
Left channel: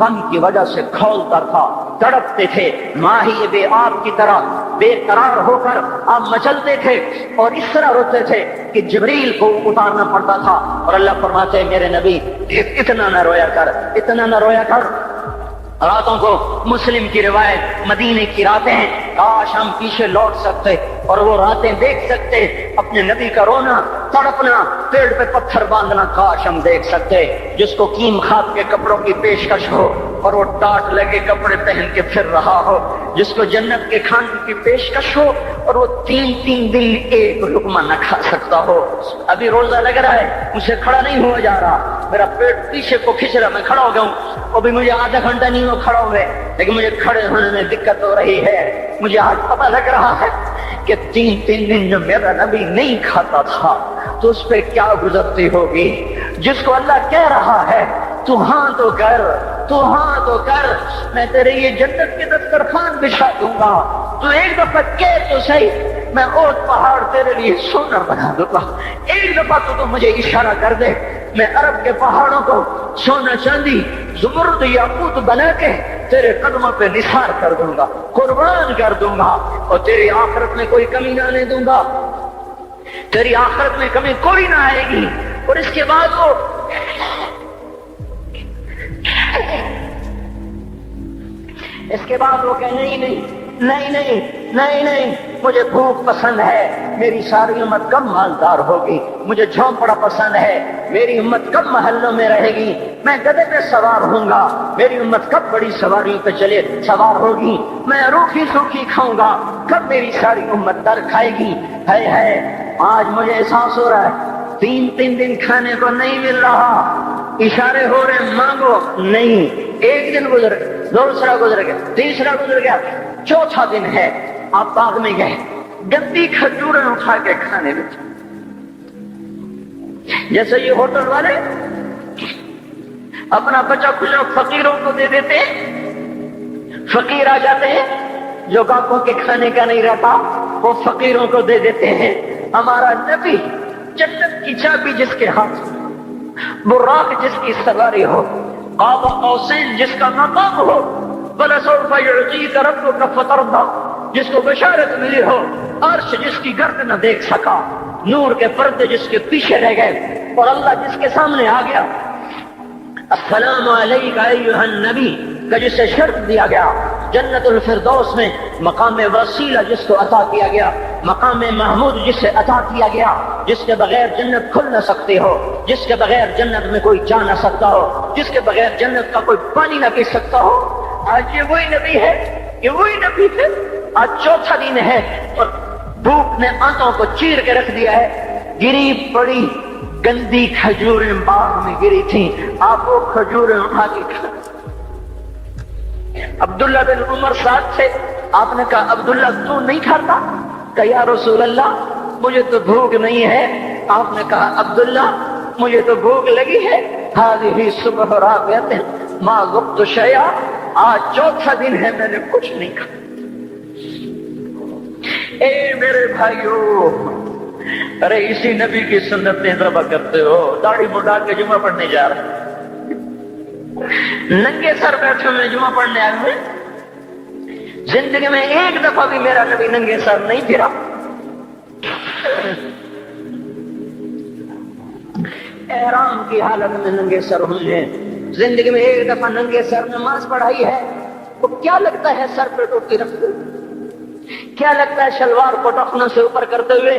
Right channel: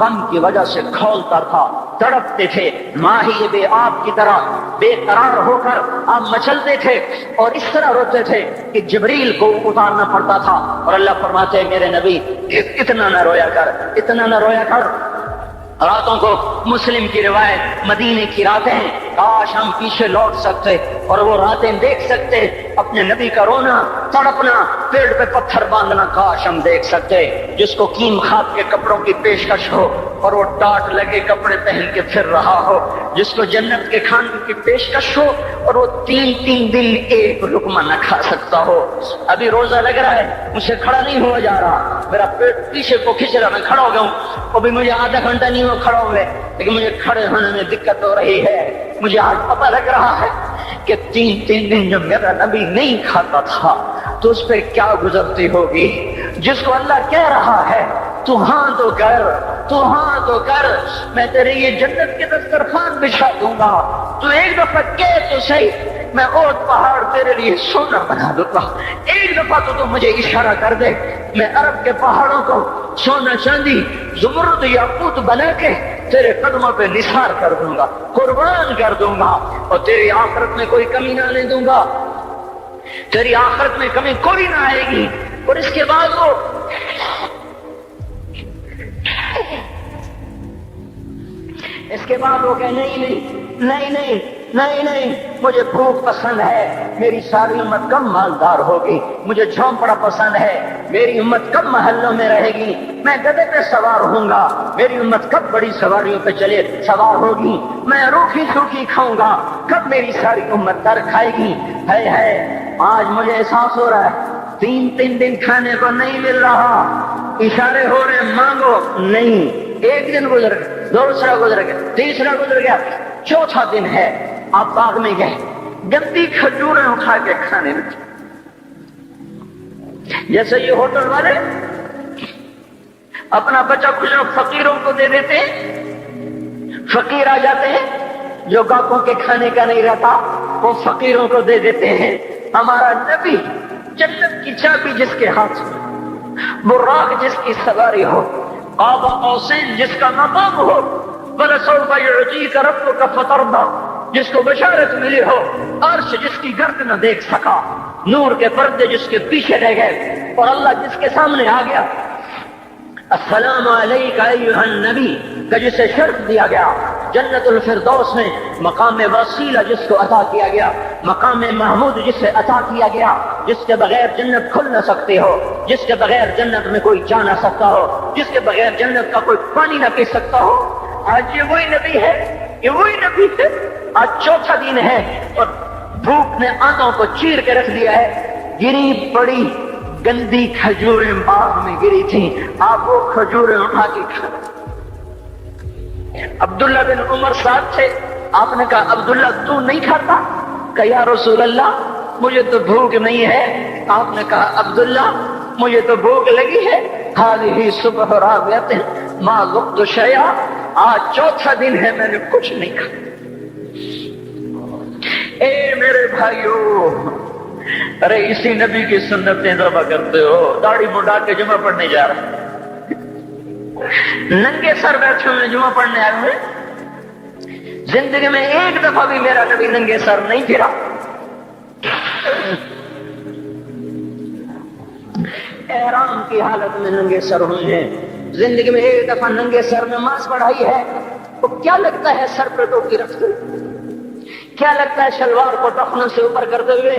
غم کی وجہ سے کھولتا تھا، تڑپتے تھے، ماہی بے آب کی طرح بے قرار ہو کر آپ مچلتے تھے اور اس طرح روتے تھے کہ جبریل کو اتارنا پڑتا تھا۔ اور اللہ فرماتے میرے نبی اتنا نہ رویا کر، اتنا نہ رویا کر۔ راتوں کو مسلم کی روایت مدینے کی راتیں، کاش ہم پیچھے لوٹ سکتے اور وہ راتیں دیکھ سکتے، اپنے نبی کا رونا، تڑپنا، پیڑ پہ پتھر باندھنا کاش ہم دیکھ سکتے۔ جس کو کیم خاد کے کپڑوں کی پیشکش ہو اور وہ ٹاٹ لگے کپڑے پہن کے پھر رہا ہو، جس کو جنت کے کھانے کی پیشکش ہو اور وہ تین دن ایک لقمہ نہ کھا سکتا ہو۔ ابھی روزہ لگ رہا ہے، مجھ سے کھڑا نہیں ہوا جا رہا، میرا پیٹ پیچھے کو کھینچ رہا، میں کھڑا ہو گیا ہوں، وہ بھی مجھے آدھا گھنٹہ نہیں ہو کھڑا ہوئے، لیکن مجھے کھڑے ہونے میں دقت ہو رہی ہے۔ مجھے آج پتہ لگ رہا ہے کہ تین دن جو میرا نبی نہیں کھاتا تھا تو اس پہ کیا گزرتی ہوگی۔ جس کو اللہ کہہ رہا ہے تو ہاں تو کر، تو ہاں تو کر، میں تیرے یہ جنت کے دسترخوان بچھا دوں گا، تو ایک دفعہ کہہ تو صحیح، میں اور پہاڑ تیرے لیے سونا بنا دوں گا۔ ایک دفعہ تو مجھے اشارہ کر دے، میں عرب کے پہاڑوں کو سونا چاندی زمرد یاقوت بنا کے تیرے قدموں پہ نثار کر دوں گا، قربان کر دوں گا، اور تیری آخرت میں کوئی کمی نہ آنے دوں گا، تیری آخرت میں کمی کوئی نہ آئے گی۔ اور اس کے بعد وہ کہ نہیں، مجھے بھوک پسند ہے، میری ساری امت کم مالدار ہوگی، مجھے جھونپڑا پسند ہے، میری امت کم محلوں میں رہے گی، میں گدھے پہ سوار ہوں گا، میری امت کب بڑی سواریوں پہ چلے سوار ہوگی، میں روکھی سوکھی کھاؤں گا، کب میری ساری امت در کھائے گی۔ ہے آج مجھے احساس ہو رہا ہے تین دن کھانے کو نہیں مل رہا، اشارے ہو رہے مانگو نہیں۔ ایک دن گزر گیا، دوسرا گزر گیا، تیسرا گزر گیا، چوتھا دن ہے، آپ باغ میں گئے، گندی کھجوریں اٹھا کے کھانے لگے، جیسے یہ ہوٹل والے اپنا بچا کچھ فقیروں کو دے دیتے، فقیر آ جاتے ہیں جو باقوں کے کھانے کا نہیں رہتا، اور فقیروں کو دے دیتے ہیں۔ ہمارا نبی جنت کی چابی جس کے ہاتھ، براق جس کی سواری ہو، آب قوسین جس کا مقام ہو، وَلَسَوْفَ يُعْطِيكَ رَبُّكَ فَتَرْضَىٰ جس کو بشارت ملی ہو، عرش جس کی گرد نہ دیکھ سکا، نور کے پردے جس کے پیچھے رہ گئے، اور اللہ جس کے سامنے آ گیا، السلام علیکہ ایھا النبی کہ جسے شرف دیا گیا، جنت الفردوس میں مقام وسیلہ جس کو عطا کیا گیا، مقام محمود جسے عطا کیا گیا، جس کے بغیر جنت کھل نہ سکتی ہو، جس کے بغیر جنت میں کوئی جا نہ سکتا ہو، جس کے بغیر جنت کا کوئی پانی نہ پی سکتا ہو۔ آج یہ وہی نبی ہے، یہ وہی نبی تھے۔ آج چوتھا دن ہے اور دھوپ نے آنکھوں کو چیر کے رکھ دیا ہے، گری پڑی گندی کھجوریں باغ میں گری تھی، آپ وہ کھجوریں اٹھا کے کھا۔ عبداللہ بن عمر صاحب سے آپ نے کہا عبداللہ تو نہیں کھاتا؟ کہ یا رسول اللہ مجھے تو بھوک نہیں ہے۔ آپ نے کہا عبداللہ مجھے تو بھوک لگی ہے، ہذہ صبح رابعۃ ما ذقت شیئا، آج چوتھا دن ہے میں نے کچھ نہیں کھایا۔ اے میرے بھائیو، ارے اسی نبی کی سنتیں ذبح کرتے ہو، داڑھی بڑھا کے جمعہ پڑھنے جا رہے، ننگے سر بیٹھے ہوئے جمعہ پڑھنے آئے ہوئے، زندگی میں ایک دفعہ بھی میرا نبی ننگے سر نہیں پھرا۔ احرام کی حالت میں ننگے سر ہوئے، زندگی میں ایک دفعہ ننگے سر نماز پڑھائی ہے، تو کیا لگتا ہے سر پہ ٹوپی رکھ کر، کیا لگتا ہے شلوار کو ٹخنوں سے اوپر کرتے ہوئے،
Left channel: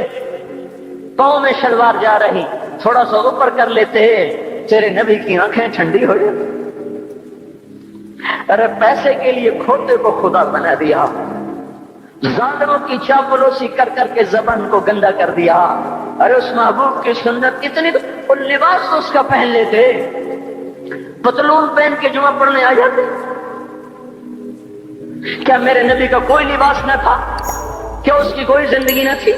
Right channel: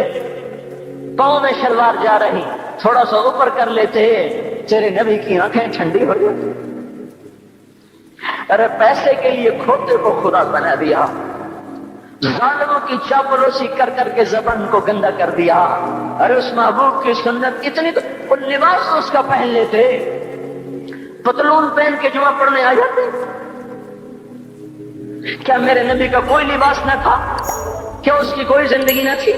پاؤں میں شلوار جا رہی، تھوڑا سا اوپر کر لیتے ہیں، تیرے نبی کی آنکھیں ٹھنڈی ہو جاتی۔ ارے پیسے کے لیے کھوتے کو خدا بنا دیا، ظالموں کی چاپلوسی کر کر کے زبان کو گندا کر دیا. ارے اس محبوب کی سنت کتنی اور لباس اس کا پہن لیتے, پتلون پہن کے جمعہ پڑھنے آ جاتے. کیا میرے نبی کا کوئی لباس نہ تھا؟ کیا اس کی کوئی زندگی نہ تھی؟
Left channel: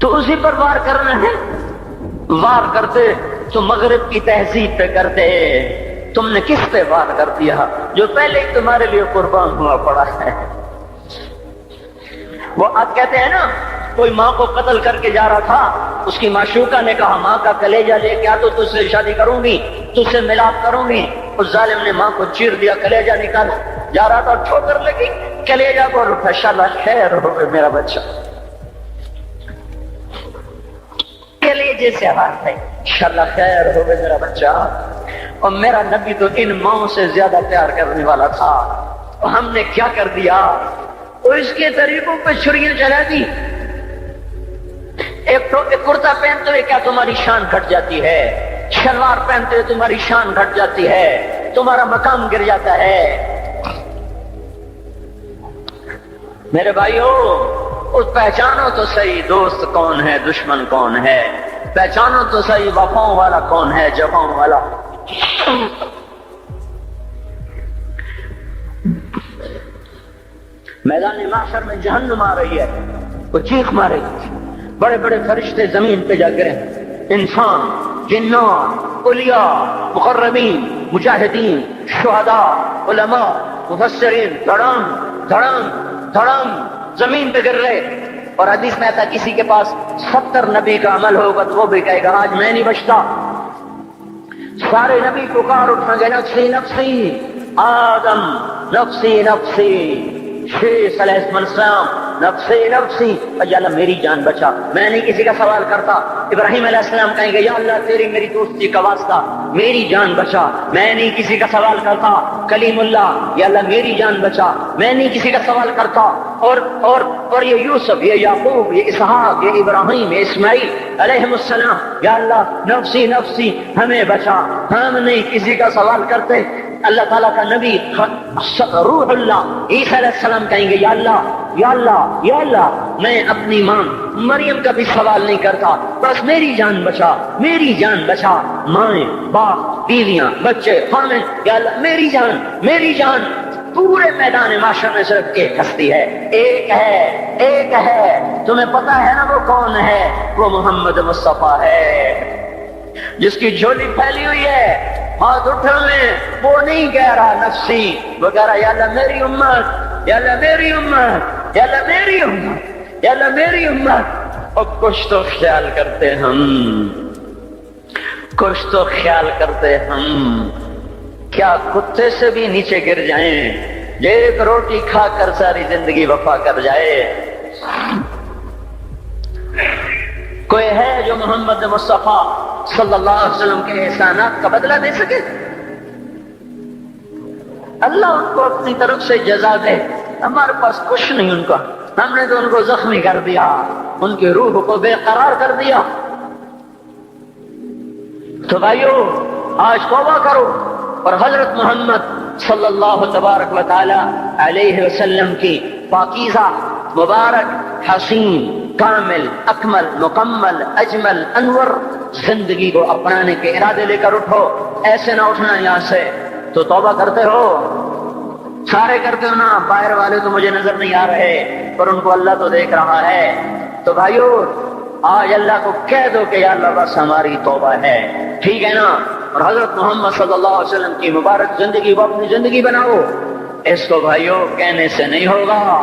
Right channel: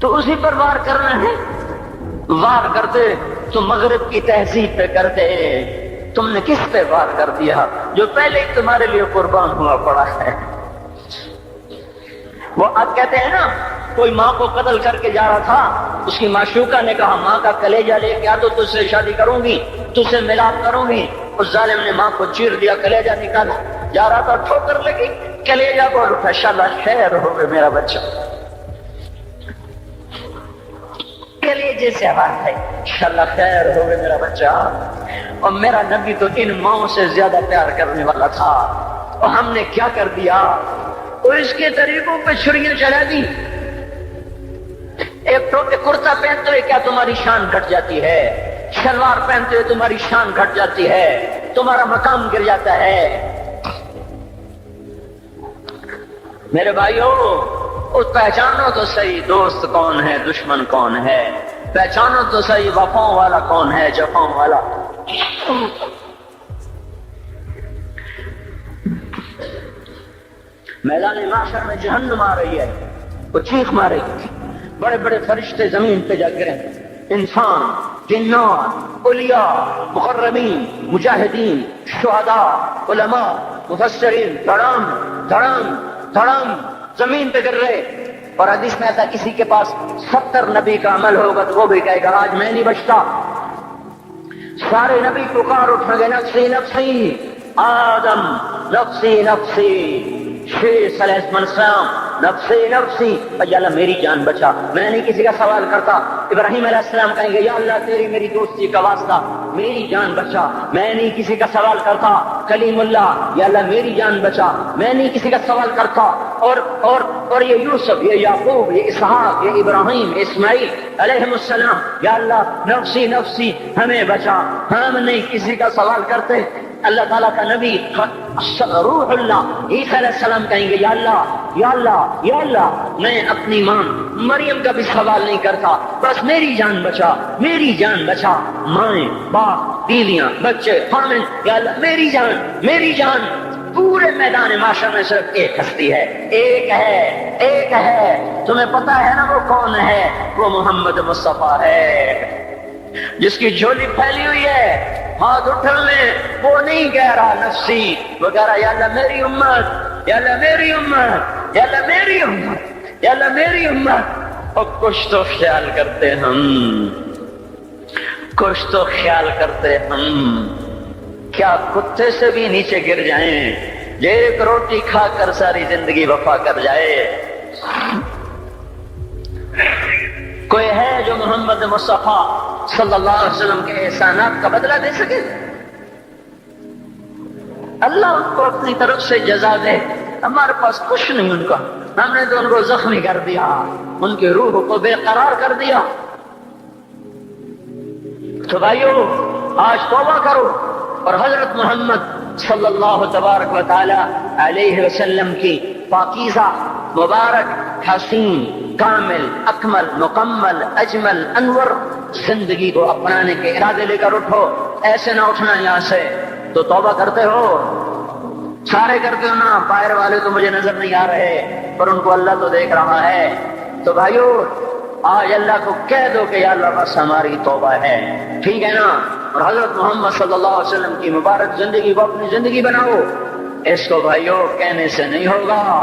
تو اسی پر وار کرنا ہے. وار کرتے تو مغرب کی تہذیب پہ کرتے ہیں. تم نے کس پہ وار کر دیا جو پہلے ہی تمہارے لیے قربان ہوا پڑا ہے؟ وہ آپ کہتے ہیں نا, کوئی ماں کو قتل کر کے جا رہا تھا, اس کی معشوقہ نے کہا ماں کا کلیجہ لے کے آ تو تجھ سے شادی کروں گی, تجھ سے ملاپ کروں گی. اس ظالم نے ماں کو چیر دیا, کلیجہ نکالا, جا رہا تھا ٹھوکر لگی, کلیجہ کو اٹھا, انشاءاللہ خیر ہوگا میرا بچہ. کلیجے سے آواز ہے, انشاءاللہ خیر ہوگا میرا بچہ. اور میرا نبی تو ان ماں سے زیادہ پیار کرنے والا تھا, اور ہم نے کیا کر دیا؟ اور اس کے طریقوں پہ چھریاں چلا دی. ایک تو کرتا پہنتے کیا تمہاری شان گھٹ جاتی ہے, شلوار پہنتے تمہاری شان گھٹ جاتی ہے, تمہارا مقام گر جاتا ہے. میرے بھائیوں, پہچانو تو صحیح دوست کون ہے, دشمن کون ہے. پہچانو تو صحیح وفاؤں والا کون ہے, جفاؤں والا. میدان محشر میں جہنم آ رہی ہے, وہ چیخ مارے, بڑے بڑے فرشتے زمین پہ جا گرے, انسان, جنات, اولیاء, مقربین, مجاہدین, شہداء, علماء, مفسرین, دھڑام دھڑام دھڑام زمین پہ گر رہے. اور حدیث میں آتا کسی کے پاس 70 نبی کا عمل ہوگا تو وہ بھی کہے گا آج میں نہیں بچتا. سارے نبی پکار اٹھا گئے, نفسی نفسی, آدم نفسی نفسی, شیخ علیہ السلام نفسی نفسی, یا اللہ میری جان بچا, میں نہیں کسی کا سوال کرتا. ابراہیم علیہ السلام کہیں گے یا اللہ تیری میری دوستی کا واسطہ میری جان بچا, میں نہیں کسی کا سوال کرتا. کلیم اللہ, یا اللہ میری جان بچا, میں نہیں کسی کا سوال کرتا. اور یہ یوسف, یہ یعقوب, یہ اسحاق, یہ ابراہیم, یہ اسماعیل علیہ السلام, یا اللہ نفسی نفسی ہمیں بچا, ہم نہیں کسی کا سوال کرتے. اللہ تعالیٰ کا نبی روح اللہ عیسیٰ علیہ السلام کہیں گے یا اللہ یا اللہ یا اللہ میں اپنی ماں مریم کا بھی سوال نہیں کرتا, بس میری جان بچا, میری جان بچا. ماں, باپ, بیویاں, بچے, خامد, یا اللہ میری جان, میری جان. پورے میدان معاشرے میں صرف ایک ہستی ہے, ایک ہے, ایک ہے. تمہیں پتا ہے نا وہ کون ہے؟ وہ محمد مصطفیٰ ہے, جس کی جھولی پھیلی ہوئی ہے. ہاتھ اٹھانے وہ نہیں کہہ رہا نفسی, وہ کہہ رہا یا اللہ میری امت, یا اللہ میری امت, یا اللہ میری امت, یا اللہ میری امت. اور کچھ تو خیال کرتے ہم, کچھ تو خیال کرتے ہم. کیا کتے سے بھی نیچے گر جائیں, جو ایک روٹی کھا کر ساری زندگی وفا کر جائے. کوئی ہے جو محمد مصطفیٰ صلی اللہ علیہ وسلم کے احسانات کا بدلہ دے سکے؟ اللہ ان کو اپنی طرف سے جزا دے. ہمارے پاس کچھ نہیں ان کا, ہم نے تو ان کو زخمی کر دیا, ان کی روح کو بے قرار کر دیا. تو بھائیوں آج توبہ کرو اور حضرت محمد صلی اللہ تبارک و تعالی علیہ وسلم کی پاکیزہ, مبارک, حسین, کامل, اکمل, مکمل, اجمل, انور زندگی کو اپنانے کے ارادے لے کر اٹھو. ایسے نہ اٹھنا یہاں سے. تو توبہ کرتے ہو, سارے کرتے ہو نا, باہر والے تو مجھے نظر نہیں آ رہے اور ان کو اللہ تو دیکھ رہا ہے. تو بھائیو آج اللہ کو کہہ دو کہ یا اللہ بس ہماری توبہ ہے, ٹھیک ہے نا. حضرت محمد صلی اللہ علیہ وسلم کی مبارک زندگی کو اپنی زندگی بناؤ. اس کو بھائیو کہنے سے نہیں ہوگا.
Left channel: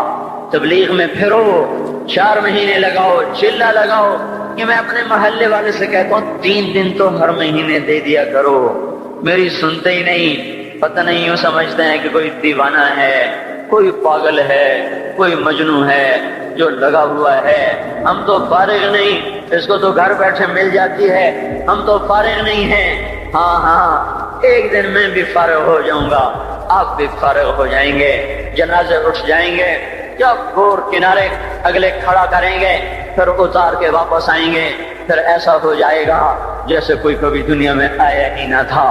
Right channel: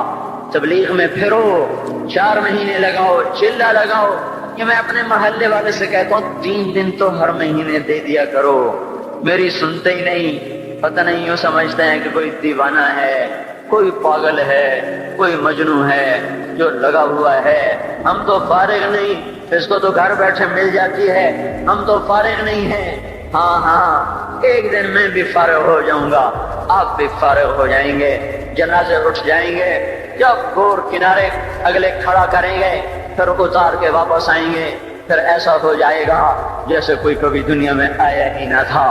تبلیغ میں پھرو, 4 مہینے لگاؤ, چلہ لگاؤ. کہ میں اپنے محلے والے سے کہتا ہوں 3 دن تو ہر مہینے دے دیا کرو, میری سنتے ہی نہیں. پتہ نہیں یوں سمجھتے ہیں کہ کوئی دیوانہ ہے, کوئی پاگل ہے, کوئی مجنون ہے جو لگا ہوا ہے. ہم تو فارغ نہیں, اس کو تو گھر بیٹھے مل جاتی ہے, ہم تو فارغ نہیں ہیں. ہاں ہاں ایک دن میں بھی فارغ ہو جاؤں گا, آپ بھی فارغ ہو جائیں گے, جنازے اٹھ جائیں گے, یا گور کنارے اگلے کھڑا کریں گے, پھر اتار کے واپس آئیں گے. پھر ایسا ہو جائے گا جیسے کوئی کبھی دنیا میں آیا ہی نہ تھا.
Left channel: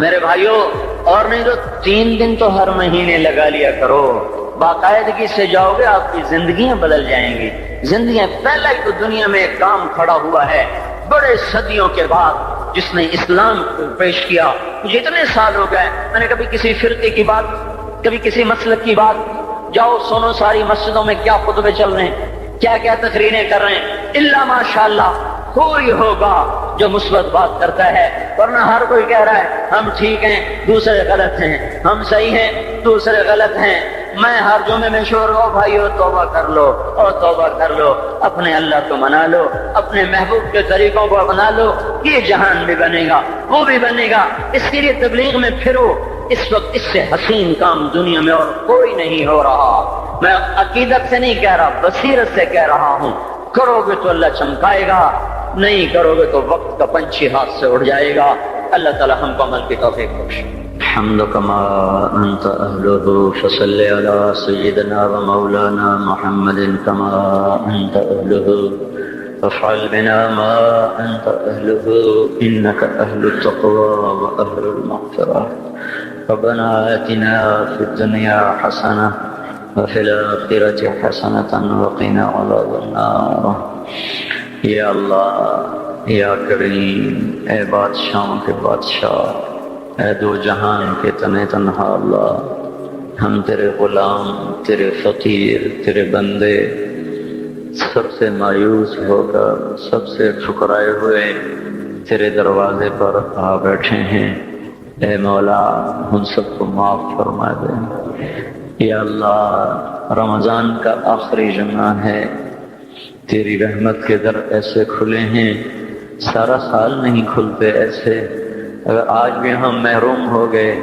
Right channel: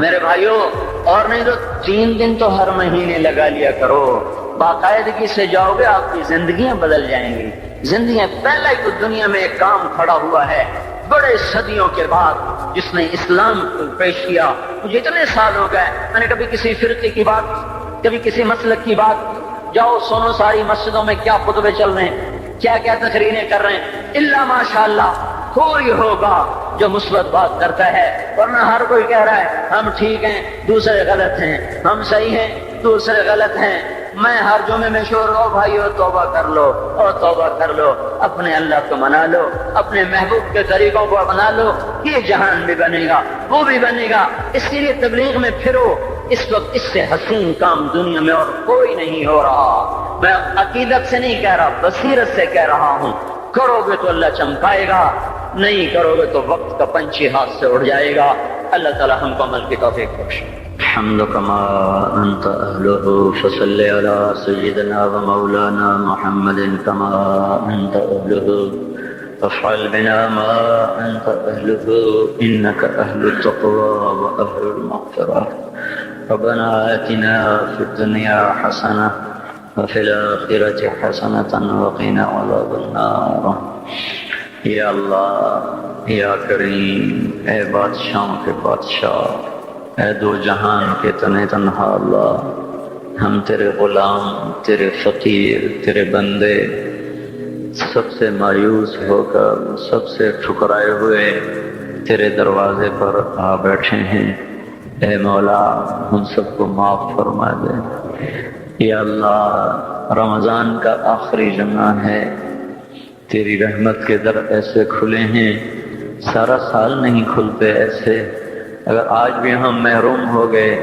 میرے بھائیوں، اور نہیں تو 3 دن تو ہر مہینے لگا لیا کرو، باقاعدگی سے جاؤ گے آپ کی زندگیاں بدل جائیں گی۔ زندگیاں پہلا ہی تو دنیا میں ایک کام کھڑا ہوا ہے بڑے صدیوں کے بعد جس نے اسلام کو پیش کیا۔ مجھے اتنے سال ہو گئے، میں نے کبھی کسی فرقے کی بات، کبھی کسی مسلک کی بات، جاؤ سنو ساری مسجدوں میں کیا خطبے چل رہے ہیں، کیا کیا تقریریں کر رہے ہیں، الا ماشاءاللہ کوئی ہوگا جو مثبت بات کرتا ہے، ورنہ ہر کوئی کہہ رہا ہے ہم ٹھیک ہیں دوسرے غلط ہیں، ہم صحیح ہیں دوسرے غلط ہیں۔ میں ہر جمعے میں شور ہوں بھائیو توبہ کر لو اور توبہ کر لو، اپنے اللہ کو منا لو، اپنے محبوب کے طریقوں کو بنا لو، یہ جہان بھی بنے گا وہ بھی بنے گا۔ اس لیے تبلیغ میں پھرو، اس وقت اس سے حسین کام دنیا میں اور کوئی نہیں ہو رہا۔ میں عقیدت سے نہیں کہہ رہا، بصیرت سے کہہ رہا ہوں۔ کرو گے تو اللہ چمکائے گا، نہیں کرو گے تو وقت کا پنچھی ہاتھ سے اڑ جائے گا۔ اللہ تعالیٰ ہم کو عمل کی توفیق بخشے۔ الحمد كما أنت أهله فصل على سيدنا ومولانا محمد كما أنت أهله فافعل بنا ما أنت أهله إنك أهل التقوى وأهل المغفرة ربنا آتنا في الدنيا حسنة وفي الآخرة حسنة وقنا عذاب النار۔ یا اللہ، یا کریم، اے بادشاہوں کے بادشاہ، اے دو جہان کے تنے تنہا اللہ، ہم تیرے غلام، تیرے فقیر، تیرے بندے سب سے مایوس ہو کر، سب سے ٹھکرائے ہوئے تیرے دروازے پر آ بیٹھے ہیں۔ اے مولا، ہم سب کو معاف فرما دے۔ یا اللہ، رمضان کا آخری جمعہ ہے، تیری رحمت کے در ایسے کھلے ہیں، سارا سال نہیں کھلتے ایسے۔ اگر آج بھی ہم محروم ہو گئے،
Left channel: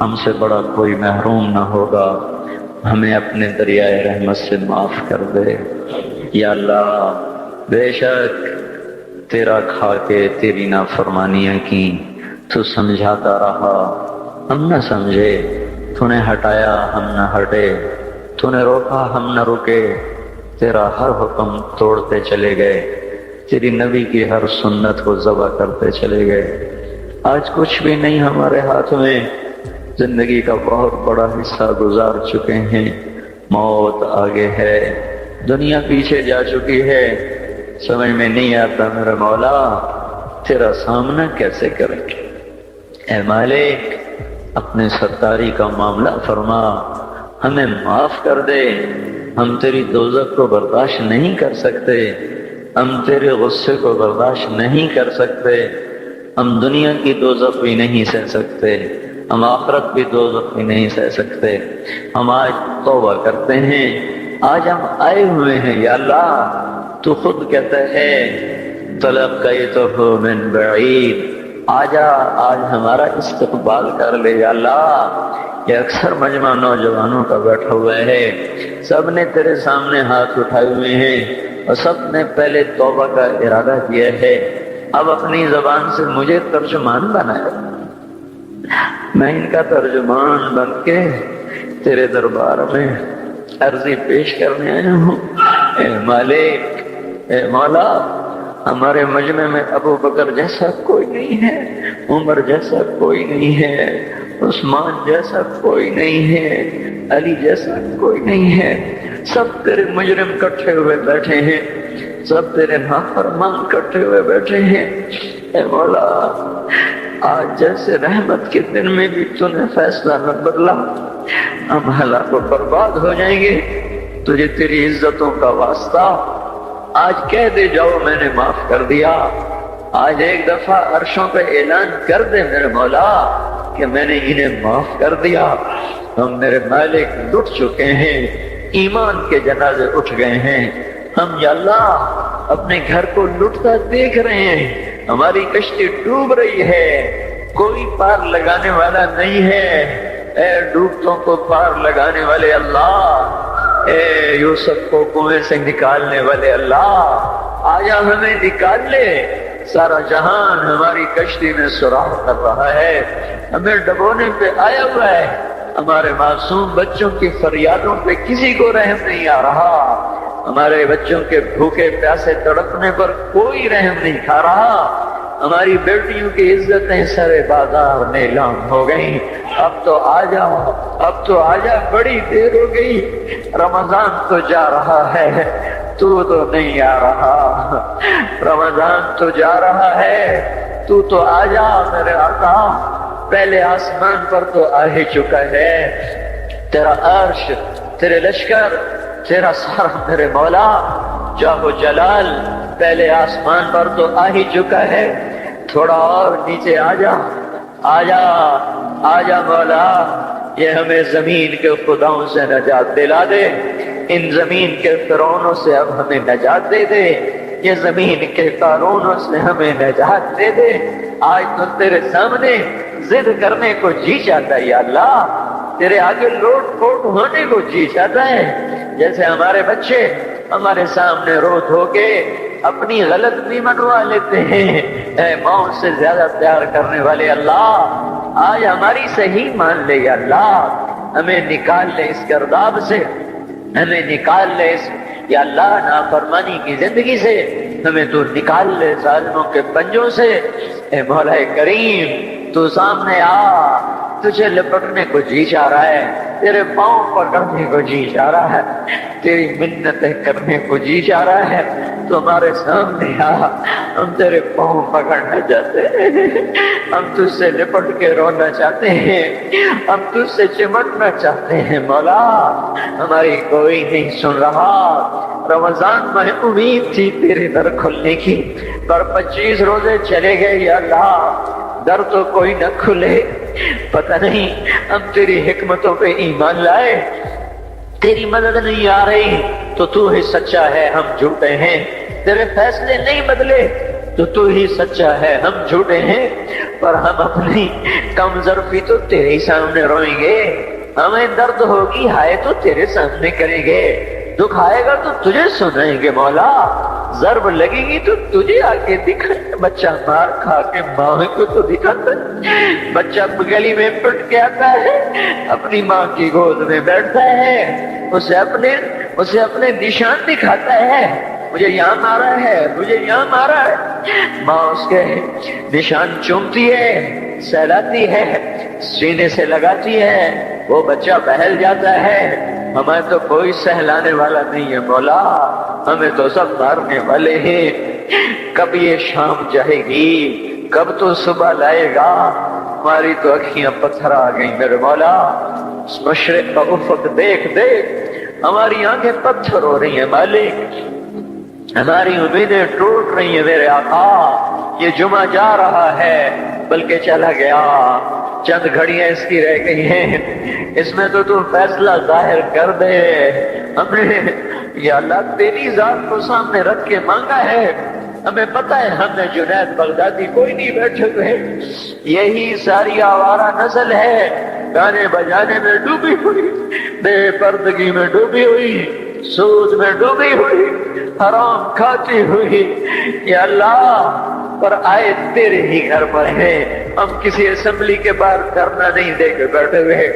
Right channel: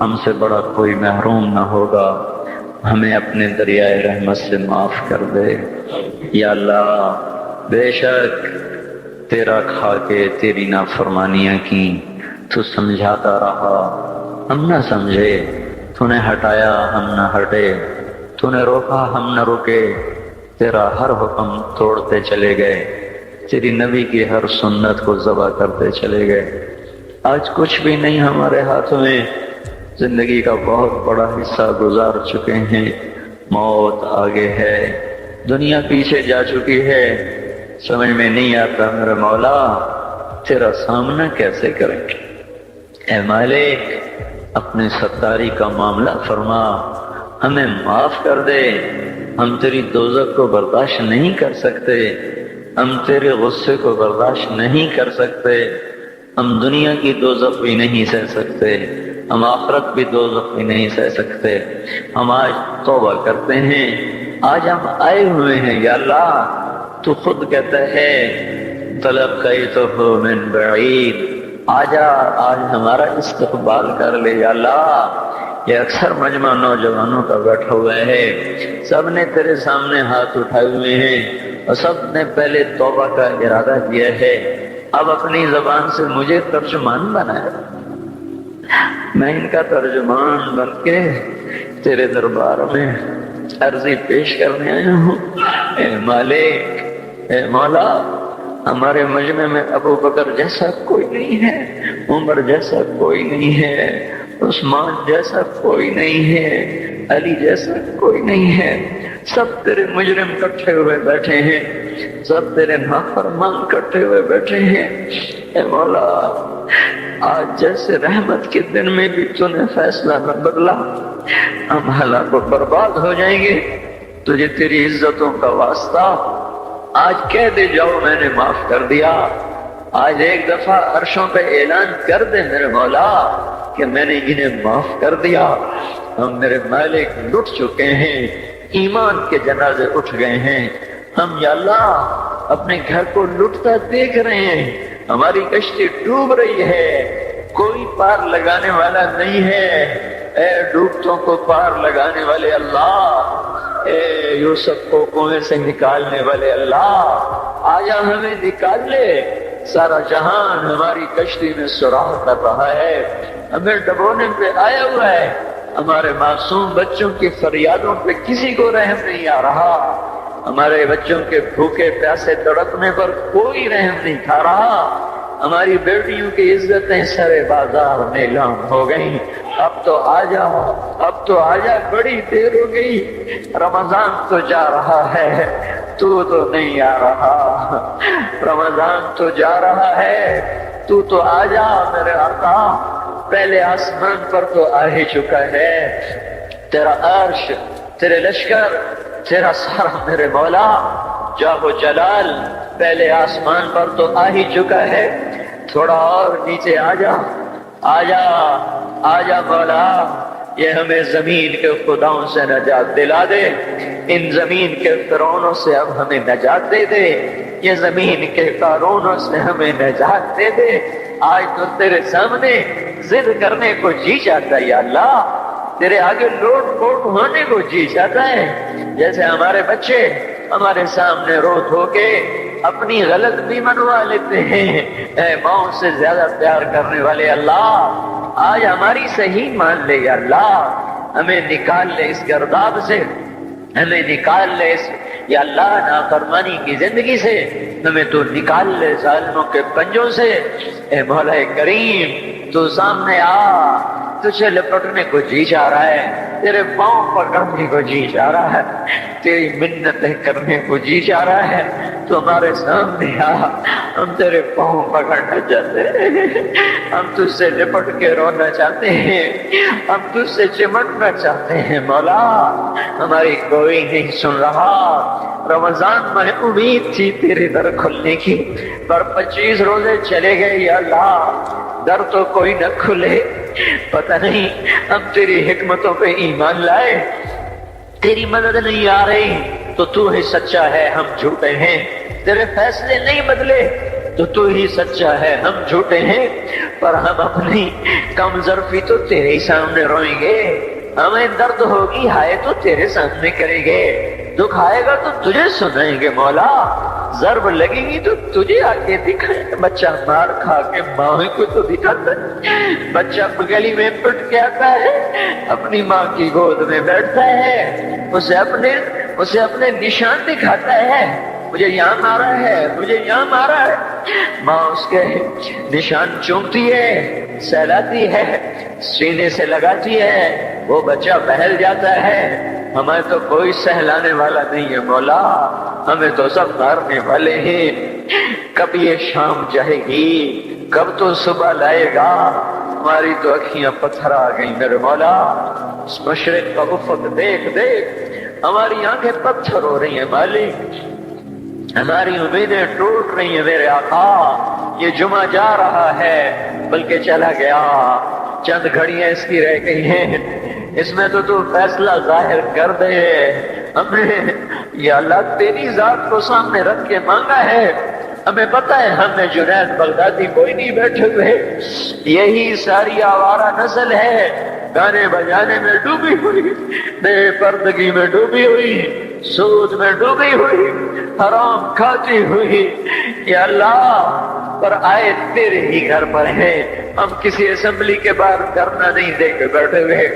ہم سے بڑا کوئی محروم نہ ہوگا، ہمیں اپنے دریائے رحمت سے معاف کر دے۔ یا اللہ، بے شک تیرا کھا کے تیری نافرمانیاں کی، تو سمجھاتا رہا، ہم نہ سمجھے، تو نے ہٹایا ہم نہ ہٹے، تو نے روکا ہم نہ رکے، تیرا ہر حکم توڑتے چلے گئے، تیری نبی کی ہر سنت کو ذبح کرتے چلے گئے۔ آج کچھ بھی نہیں ہمارے ہاتھ میں، زندگی کا بہت بڑا حصہ گزار چکے ہیں، موت آگے ہے، دنیا پیچھے جا چکی ہے، سمجھ میں نہیں آتا میرے مولا تیرا سامنا کیسے کریں۔ اے مالک، اپنے ستاری کا معاملہ فرما، ہمیں معاف کر دے، ہم تیری دوزخ کو برداشت نہیں کر سکتے، ہم تیرے غصے کو برداشت نہیں کر سکتے، ہم دنیا کی دوزخ بھی نہیں سہ سکتے، ہم آخرت بھی دوزخ بھی نہیں سہ سکتے۔ ہم آج توبہ کرتے ہیں، آج ہم آئے ہوئے ہیں یا اللہ، تو خود کہتا ہے تلقیتہ من بعید، آجا آج ہمارا استقبال کر لے یا اللہ۔ یہ اکثر مجمع نوجوانوں کا بیٹھا ہوئے ہے، سب نے تیرے سامنے ہاتھ اٹھائے ہوئے ہیں اور سب نے پہلے توبہ کا ارادہ کیا ہے، اب اپنی زبان سے مجھے ترجمان بنایا، میں ان کا ترجمان بن کے تیرے دربار میں عرضی پیش کرنے آیا ہوں۔ اے مالک، اے مولا، ہمارے مجمع میں ابو بکر جیسا کوئی نہیں ہے، عمر جیسا کوئی نہیں ہے، عثمان جیسا کوئی نہیں ہے، علی جیسا کوئی نہیں ہے، سب تیرے مجرم کٹھے ہوئے بیٹھے ہیں، سب تیرے نافرمان کٹھے ہوئے بیٹھے ہیں۔ اے مولا، آج جیسے رحمت کے دن میں بھی تو نے فیصلہ میں بدلا، ہم ہلاک و برباد ہو جائیں گے، تجھے تیری عزتوں کا واسطہ آج کہہ دے جاؤ میں نے معاف کر دیا۔ آج ایک دفعہ عرشوں پہ اعلان کر دے میرے مولا کہ میں نے انہیں معاف کر دیا۔ ہم میرے مالک لٹ چکے ہیں، ایمان کے جنازے اٹھ گئے ہیں، ہم یا اللہ اپنے گھر کو لٹتا دیکھ رہے ہیں، ہماری کشتی ڈوب رہی ہے، کوئی پار لگانے والا نہیں ہے۔ اے ڈوبتوں کو پار لگانے والے اللہ، اے یوسف کو کنویں سے نکالنے والے اللہ، آیا ہمیں نکال لے۔ سارا جہان ہماری کشتی میں سراغ کر رہا ہے، ہمیں ڈبونے پہ آیا ہوا ہے، ہمارے معصوم بچوں کی فریادوں پہ کسی کو رحم نہیں آ رہا، ہمارے بچوں کے بھوکے پیاسے تڑپنے پر کوئی رحم نہیں کھا رہا، ہماری بیٹیوں کی عزتیں سرے بازار نیلام ہو گئی، اب تو آ جاؤ، اب تو آ جا، بڑی دیر ہو گئی، رمضان تو جا رہا ہے، تو نہیں آ رہا، رمضان تو جا رہا ہے، تو آ جا میرے آقا، پہلے آسمان پر تو آ ہی چکا ہے، تیرا عرش، تیرے لشکر، تیرا سر میرے مولا جاہ و جلال پہلے آسمان پر تو آ ہی چکا ہے، تھوڑا اور نیچے آ جا، آ جا، آ جا مولا، یہ ہمیں زمین کے خداؤں سے نجات دلا دے، ان زمین کے فرعونوں سے اب ہمیں نجات دے دے، یہ زمین کے قارونوں سے ہمیں نجات دے دے، آج تو تیرے سامنے ضد کرنے کو جی چاہتا ہے یا اللہ، تیرے آگے لوٹ پوٹ ہونے کو جی چاہتا ہے، جیسے ہمارے بچے ہمارے سامنے رو دھو کے اپنی غلط بھی منوا لیتے ہیں، اے ماؤں سے زیادہ پیار کرنے والے اللہ، آج ہماری صحیح مان لے یا اللہ، ہمیں نکال لے اس گرداب سے، ہمیں نکال لے اس یا اللہ نافرمانی کی زندگی سے، ہمیں تو نکال لے ظالموں کے پنجوں سے، اے مولا کریم تو سامنے آ، تجھے لپٹنے کو جی چاہ رہا ہے، تیرے پاؤں پکڑنے کو جی چاہ رہا ہے، تیری منتیں کرنے کو جی چاہ رہا ہے، تو ہمارے سامنے آ، ہم تیرے پاؤں پکڑنا چاہتے ہیں، ہم تجھ سے لپٹ کے رونا چاہتے ہیں، ہم تجھ سے چمٹنا چاہتے ہیں مولا، ہماری کوئی نہیں سن رہا، رمضان میں امید تھی تیرے در کھلنے کی، پر 25 روزے چلے گئے یا اللہ، در تو کوئی نہ کھلے، پتہ نہیں ہم تیری حکمتوں پہ ایمان لائے، تیری مدد نہیں آ رہی تو تو ہی سچا ہے، ہم جھوٹے ہیں، تیرے فیصلے نہیں بدلے تو ہی سچا ہے، ہم جھوٹے ہیں، پر ہم اپنی کم ظرفی تو تیرے سامنے روئیں گے، ہمیں درد ہوگی ہائے تو تیرے سامنے کریں گے، دکھ آئے گا تو تجھے سنائیں گے مولا، ضرب لگے گی تو تجھے آ کے دکھائیں گے، بچہ مار کھا کے ماں کو تو دکھاتا ہے، بچہ گلی میں پٹ کے آتا ہے، اپنی ماں کی گود میں بیٹھتا ہے، اسے اپنے نشان دکھاتا ہے، مجھے یہاں مارا ہے، مجھے یہاں مارا ہے، ماں اس کے نشان چومتی ہے، سہلاتی ہے، سینے سے لگاتی ہے، وہ بچہ بہل جاتا ہے، ہمیں تو کوئی سہلانے والا نہیں ہے مولا، ہمیں تو سب مارنے والے ہیں، کب یہ شام جائے گی، کب تو صبح لائے گا، ہماری تو اکھیاں پتھر آ گئی میرے مولا، اس مشرق کا افق دیکھ دیکھ ہماری آنکھیں پتھر ہو رہی ہیں مالک، ہماری امیدیں ٹوٹ رہی ہیں میرے آقا، یہ جمعہ جا رہا ہے بلکہ چلا گیا، چند گھڑیاں اس کی رہ گئی ہیں، اس میں تو فیصلہ ظاہر کر دے، ہمیں یا اللہ تیری ذات کو سامنے رکھ کے مانگا ہے، ہمیں پتہ ہے ہم نے جنید بغدادی کوئی نہیں بیٹھے ہوئے، یہی ساری آوارہ نسل ہے، گانے بجانے میں ڈوبی ہوئی، بے پردگی میں ڈوبی ہوئی، سود میں ڈوبی ہوئی، حرام کھاتی ہوئی، یا اللہ پر آئے تیرے ہی گھر پر ہے، ہم کسی اسمبلی کے باہر دھرنا نہیں دے کے بیٹھے ہوئے،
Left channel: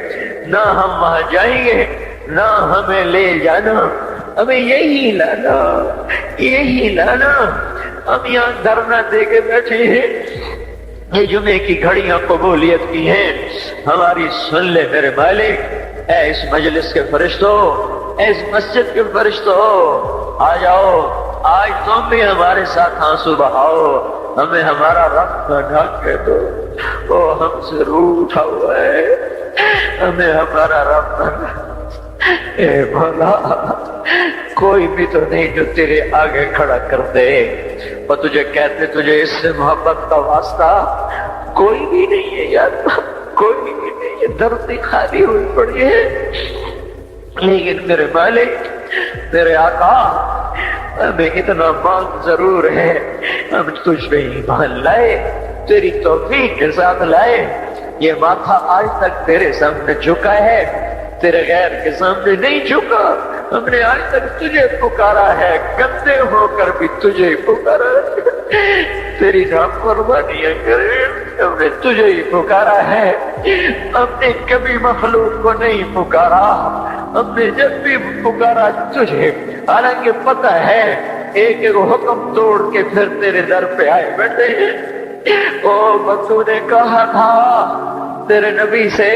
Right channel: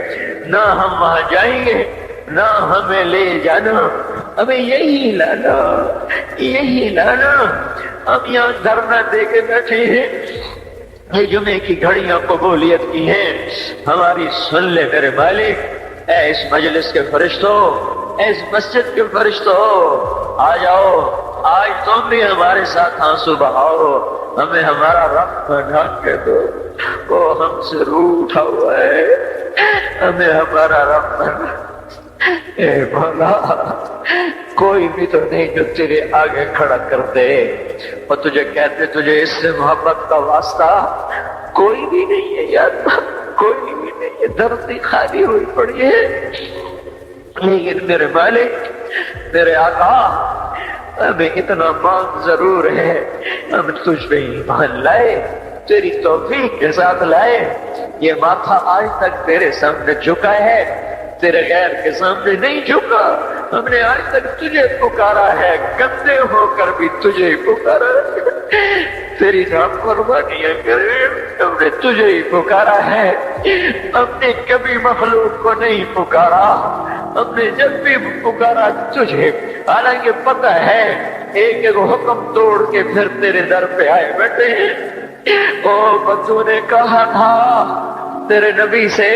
نہ ہم وہاں جائیں گے، نہ ہمیں لے جانا، ہمیں یہی لانا، یہی لانا، ہم یہاں دھرنا دے کے بیٹھے ہیں، جمعے کی گھڑیاں قبولیت کی ہیں، ہماری سن لے میرے مالک، اے اس مجلس کے فرشتوں، اے اس مسجد کے فرشتوں، آ جاؤ، آج تم بھی ہمارے ساتھ آنسو بہاؤ، ہمیں ہمارا رب بنا کے دو، وہ ہم سے روٹھا ہوا ہے، ہمیں ہمارا رب بنا، اے بھلا کوئی بھی تو نہیں جو تیرے آگے کھڑا کر دے، اور تجھے کہتے تجھے اس سے محبت کا واسطہ کوئی بھی نہیں ہے یار، کوئی بھی نہیں ہے، درد خالی ہوئی پڑی ہے، لیکن میرے مالک میرے آقا ہمیں اتنا موت ضرور ہے، ہم تجھ پہ ایمان لائے، تیری توفیق کے ساتھ لائے، یہ ماتھا آج تک تیرے سامنے جھکا ہے، تیرے غیر کے سامنے نہیں جھکا، ہم نے آج تک تجھے پکارا ہے، گندے ہو کر بھی تجھے پکارا ہے، تیری نافرمانیاں کرے ہم نے تجھے ہی پکارا ہے، ہم نے کبھی مخلوق کو نہیں پکارا، ہم نے جب بھی پکارا تجھے، حالانکہ پتہ ہے ایک ایک حکم توڑ کے پھر تیرے در پہ آئے بیٹھے ہیں، او تو نے کہا تھا تیرے نبی سے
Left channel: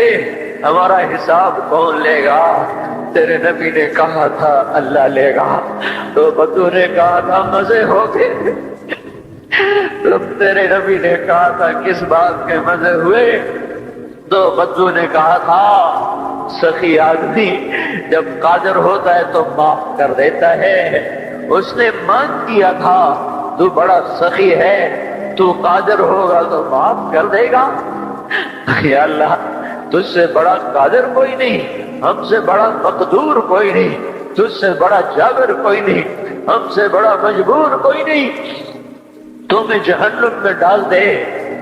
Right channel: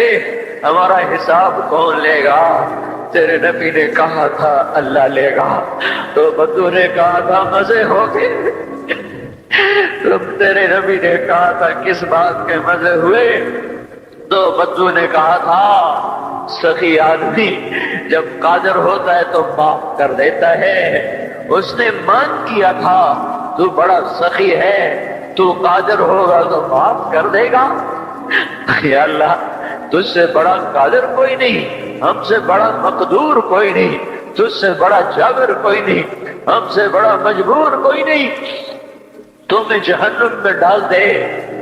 ہمارا حساب کون لے گا؟ تیرے نبی نے کہا تھا اللہ لے گا۔ تو بدو نے کہا تھا مزے ہو گئے۔ تو تیرے نبی نے کہا تھا کس بات کے مزے ہوئے؟ تو بدو نے کہا تھا سخی آدمی جب قادر ہوتا ہے تو معاف کر دیتا ہے۔ اس نے مان کیا تھا تو بڑا سخی ہے، تو قادر ہوگا تو معاف کر دے گا۔ یا اللہ تجھ سے بڑا قادر کوئی نہیں، ہم سے بڑا مقدور کوئی نہیں، تجھ سے بڑا جابر کوئی نہیں، ہم سے بڑا مجبور کوئی نہیں۔ تمہیں جہنم میں ڈال دے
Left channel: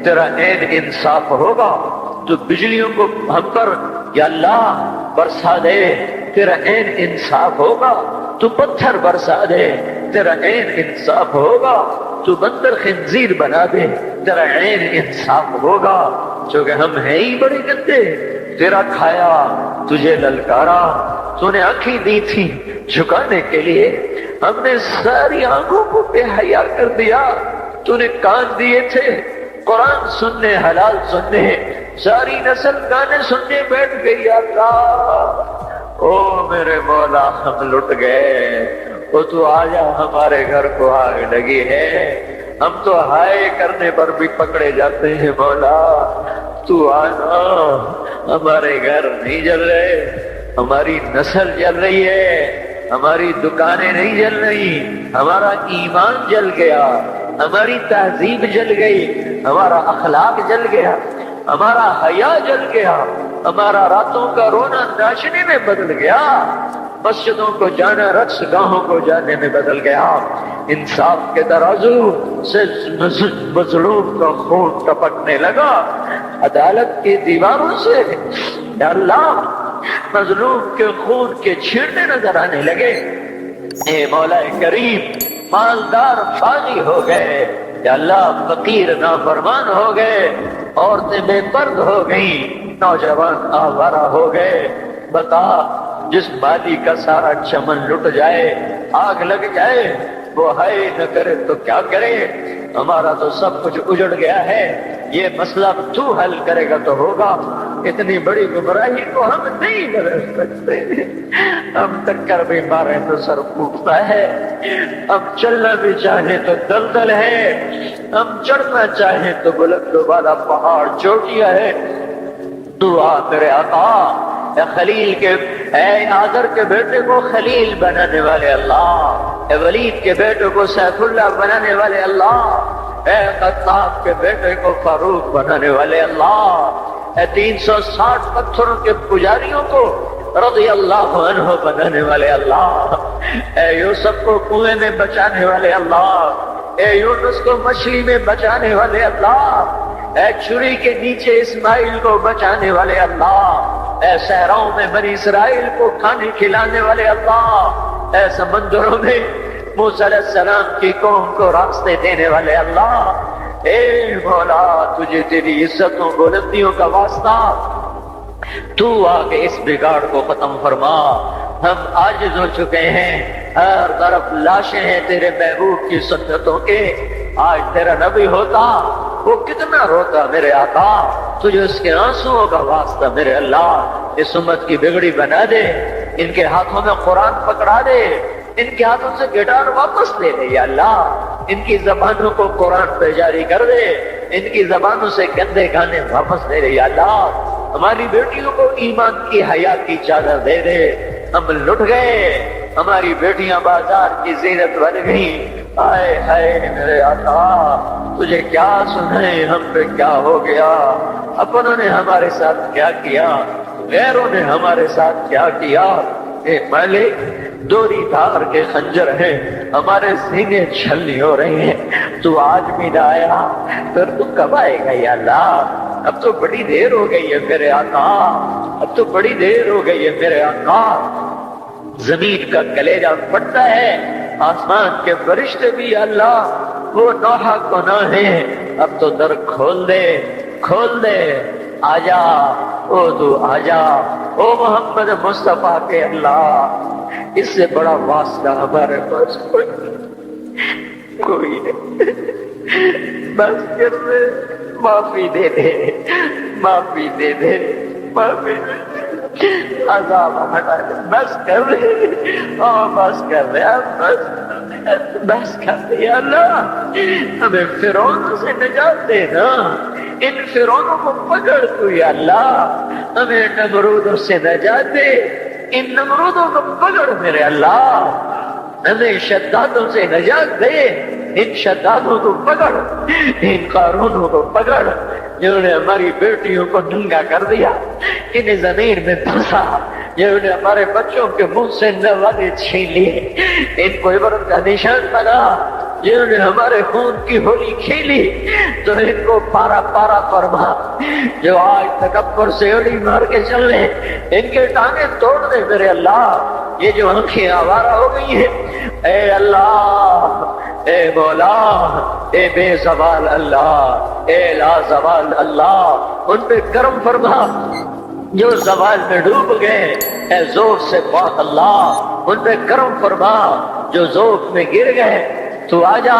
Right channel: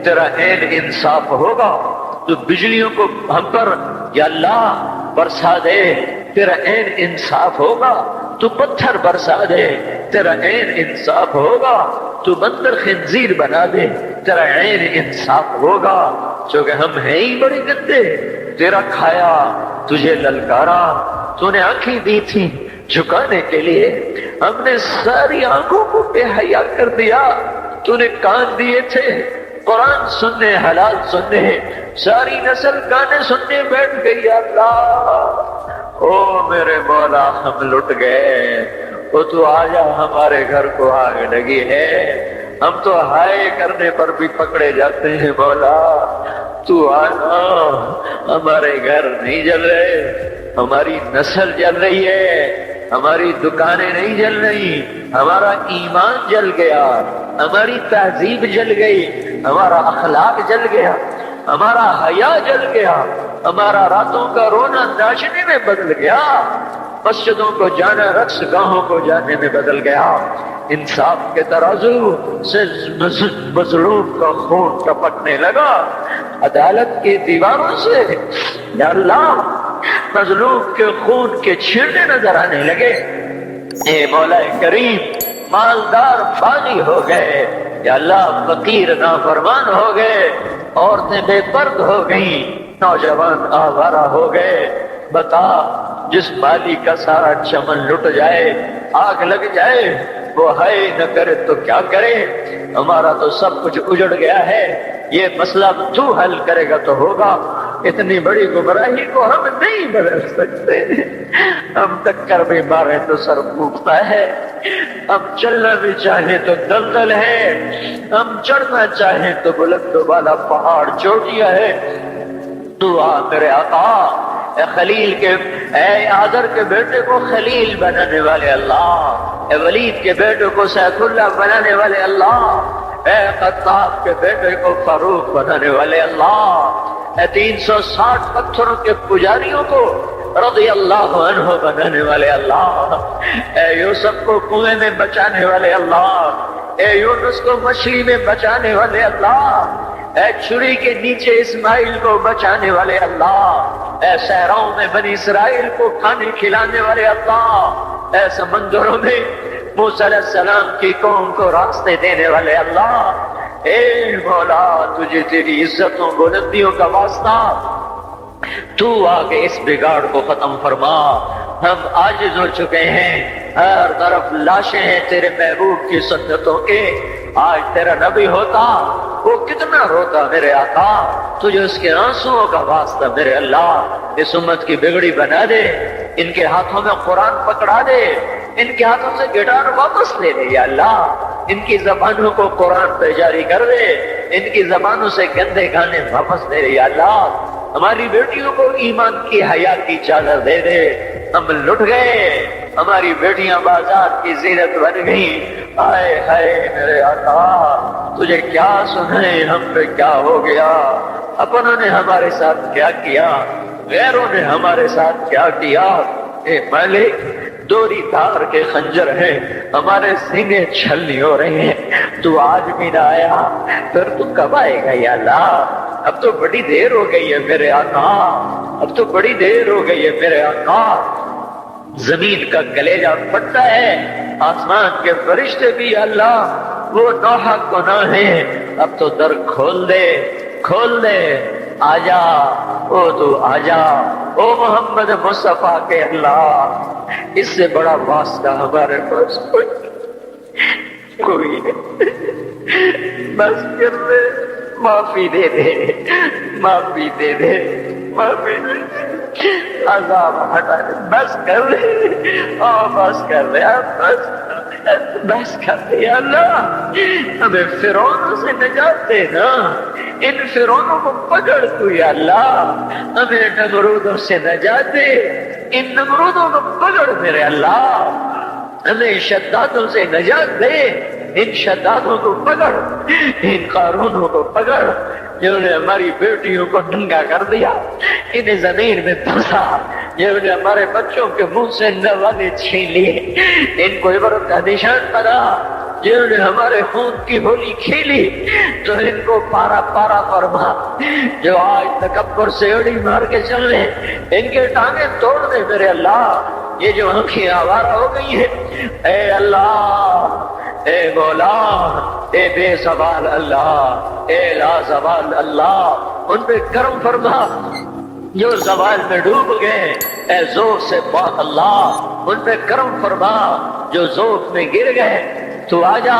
تیرا عین انصاف ہوگا۔ تو بجلیوں کو بھن کر یا اللہ برسا دے تیرا عین انصاف ہوگا۔ تو پتھر برسا دے تیرا عین انصاف ہوگا۔ تو بندر خنزیر بنا دے تیرا عین انصاف ہوگا۔ چونکہ ہم ہیں ہی بڑے گندے، تیرا کھایا تجھے للکارا، تو نے آنکھیں دی تھی جھکانے کے لیے، ہم نے ساری آنکھوں کو بے حیا کر دیا۔ تو نے کان دیے تھے قرآن سننے، حلال سننے، ساری نسل گانے سننے بیٹھ گئی۔ اللہ او میرے مولا ہم لٹ گئے، تو آجا ہمارے گھر کو آگ لگی ہے، ہم تو ہائے کرنے پر بھی پکڑے جاتے ہیں۔ مولا تو آنا، ہمارے گھر نہیں جل رہے، ہماری نسل جل رہی ہے، ہماری دکانیں نہیں جل رہی، ہمارا ایمان جل گیا، ہماری تہذیب جل گئی، ہمارا اخلاق جل گیا، ہمارا حیا جل گیا، ہمارا راتوں کا رونا ناچنے میں بدل گیا، مسجدوں کو جانا رقص گاہوں کو جانے میں بدل گیا۔ انصاف کے ترازو سے مظلوم کا خون ٹپکنے لگا، عدالت کی دیواروں سے یا اللہ مظلوم کے خون کے چھیٹے نظر آنے لگے۔ اے مولا کریم مالدار فاضی ہو گئے، یا اللہ فقیر نافرمان ہو گئے، عورتیں بے پرد ہو گئی، نوجوان آوارہ ہو گئے۔ بتا جس بالی کا سارا چمن لٹ جائے، آگ لگ جائے، وہ ہائے نہ کرے تو کیا کرے؟ ہمارا تو سب کچھ اجڑ گیا ہے، یہ مسئلہ تو حل کرے گا تو ہوگا۔ اتنی بڑی گمراہی کو ہم نہیں بدل سکتے، ہم ٹکر بھی مارے تو سر پھوٹتا ہے، ہم چلنا بھی چاہے تو دلدل ہے، ہم چڑھنا چاہے تو بلند والا پہاڑ چوٹیاں ہے۔ تو آ میرے آقا، اے خلیل کے، اے آدر کے بیٹے کو خلیل بنانے والے اللہ، اے ولید کے بیٹے کو سیف اللہ بنانے والے اللہ، اے خطاب کے بیٹے کو فاروق بنانے والے اللہ، اے 360 پتھروں کے پجاریوں کو رضی اللہ عنہ بنانے والے اللہ، اے یوسف کو کنویں میں بچانے والے اللہ، اے یونس کو مچھلی میں بچانے والے اللہ، اے چھری کے نیچے اسماعیل کو بچانے والے اللہ، اے صحراؤں میں بنی اسرائیل کو کھانے کھلانے والے اللہ، اے سمندروں میں موسیٰ علیہ السلام کی قوم کو راستے دینے والے اللہ، اے مولا تجھے تیری عزتوں بلندیوں کا واسطہ، تو آگے اس بگاڑ کو ختم فرما۔ ہم عاجز ہو چکے ہیں، ہر طرف لاشیں ہیں تیرے محبوب کی سنتوں کے۔ آج تیرا نبی ہوتا وہ کتنا روتا میرے آقا، تجھے اس کے آنسوؤں کا واسطہ میرے اللہ اس امت کی بگڑی بنا دے، ان کے ہاتھوں میں قرآن پکڑا دے، ان کے ہاتھوں سے گٹار واپس لے دے یا اللہ، ان کی زبانوں کو قرآن پہ جاری کر دے، ان کی زبانوں سے گندے گانے واپس لے دے یا اللہ، ہماری بیٹیوں کو ایمان کی حیا کی چادر دے دے۔ ہم لٹ گئے، ہماری بیٹیاں بازار کی زینت بن گئی، ہائے ہائے میرے آقا تجھے کیا سنائے ہم پہ کیا ہو گیا، اپنوں نے ہمارے ساتھ کیا کیا، غیروں نے ہمارے ساتھ کیا کیا۔ اے مالک دوری تار کے خنجر ہے، ہمارے سینے چھلنی ہو رہے ہیں، تو آج بھی نہ آیا، پھر تو کب آئے گا یا اللہ؟ اب تو بڑی دیر ہو گئی ہے میرے آقا، اب تو بڑی دیر ہو گئی ہے میرے آقا۔ زمین کا کلیجہ پھٹتا ہے، آسمان کے فرشتے بھی اللہ وہ ناحق گناہ ہے، اب تو در کھول دے، کھول دے، آجا او تو آجا، او محمد مصطفیٰ کے اللہ، اس سے بڑا واسطہ ہمارے پاس کوئی نہیں۔ بس کر دے، معافی دے دے، معافی دے دے، معافی دے دے، عذاب ہٹا دے، بس کر دے، بس کر دے، بس کر دے اللہ، ہمیں فرعون سے نجات دے نا، ان فرعونوں کو پکڑ تو یا اللہ، ہمیں نمرودوں سے نجات دے، ان نمرودوں کو پکڑ میرے اللہ، ہمیں شدادوں سے نجات دے، ان شدادوں کو پکڑ، ان قارونوں کو پکڑ جنہوں نے ہماری بیٹیوں کو ننگا کر دیا، انہیں زمین میں پھنسا، جنہوں نے ہمارے بچوں کے منہ سے نوالے چھین لیے، ان کو عبرت کا نشان لگا، جنہوں نے ہمارے خون کی ہولی کھیلی، تو ان کو پارا پارا فرما، جو آج تکبر سے انہیں مار کے چل رہے، ان کی ٹانگیں توڑ دے میرے اللہ، یہ جو آنکھیں آوارہ ہو گئی ہے، اے اللہ، اے مولا، اے بے زبان اللہ، اے لا زبان اللہ، ان پہ کرم فرما، جو زبان میں ڈوب گئے، اے ذوق سے بات اللہ، ان پہ کرم فرما، جو ذوق میں گر گئے، تو آجا۔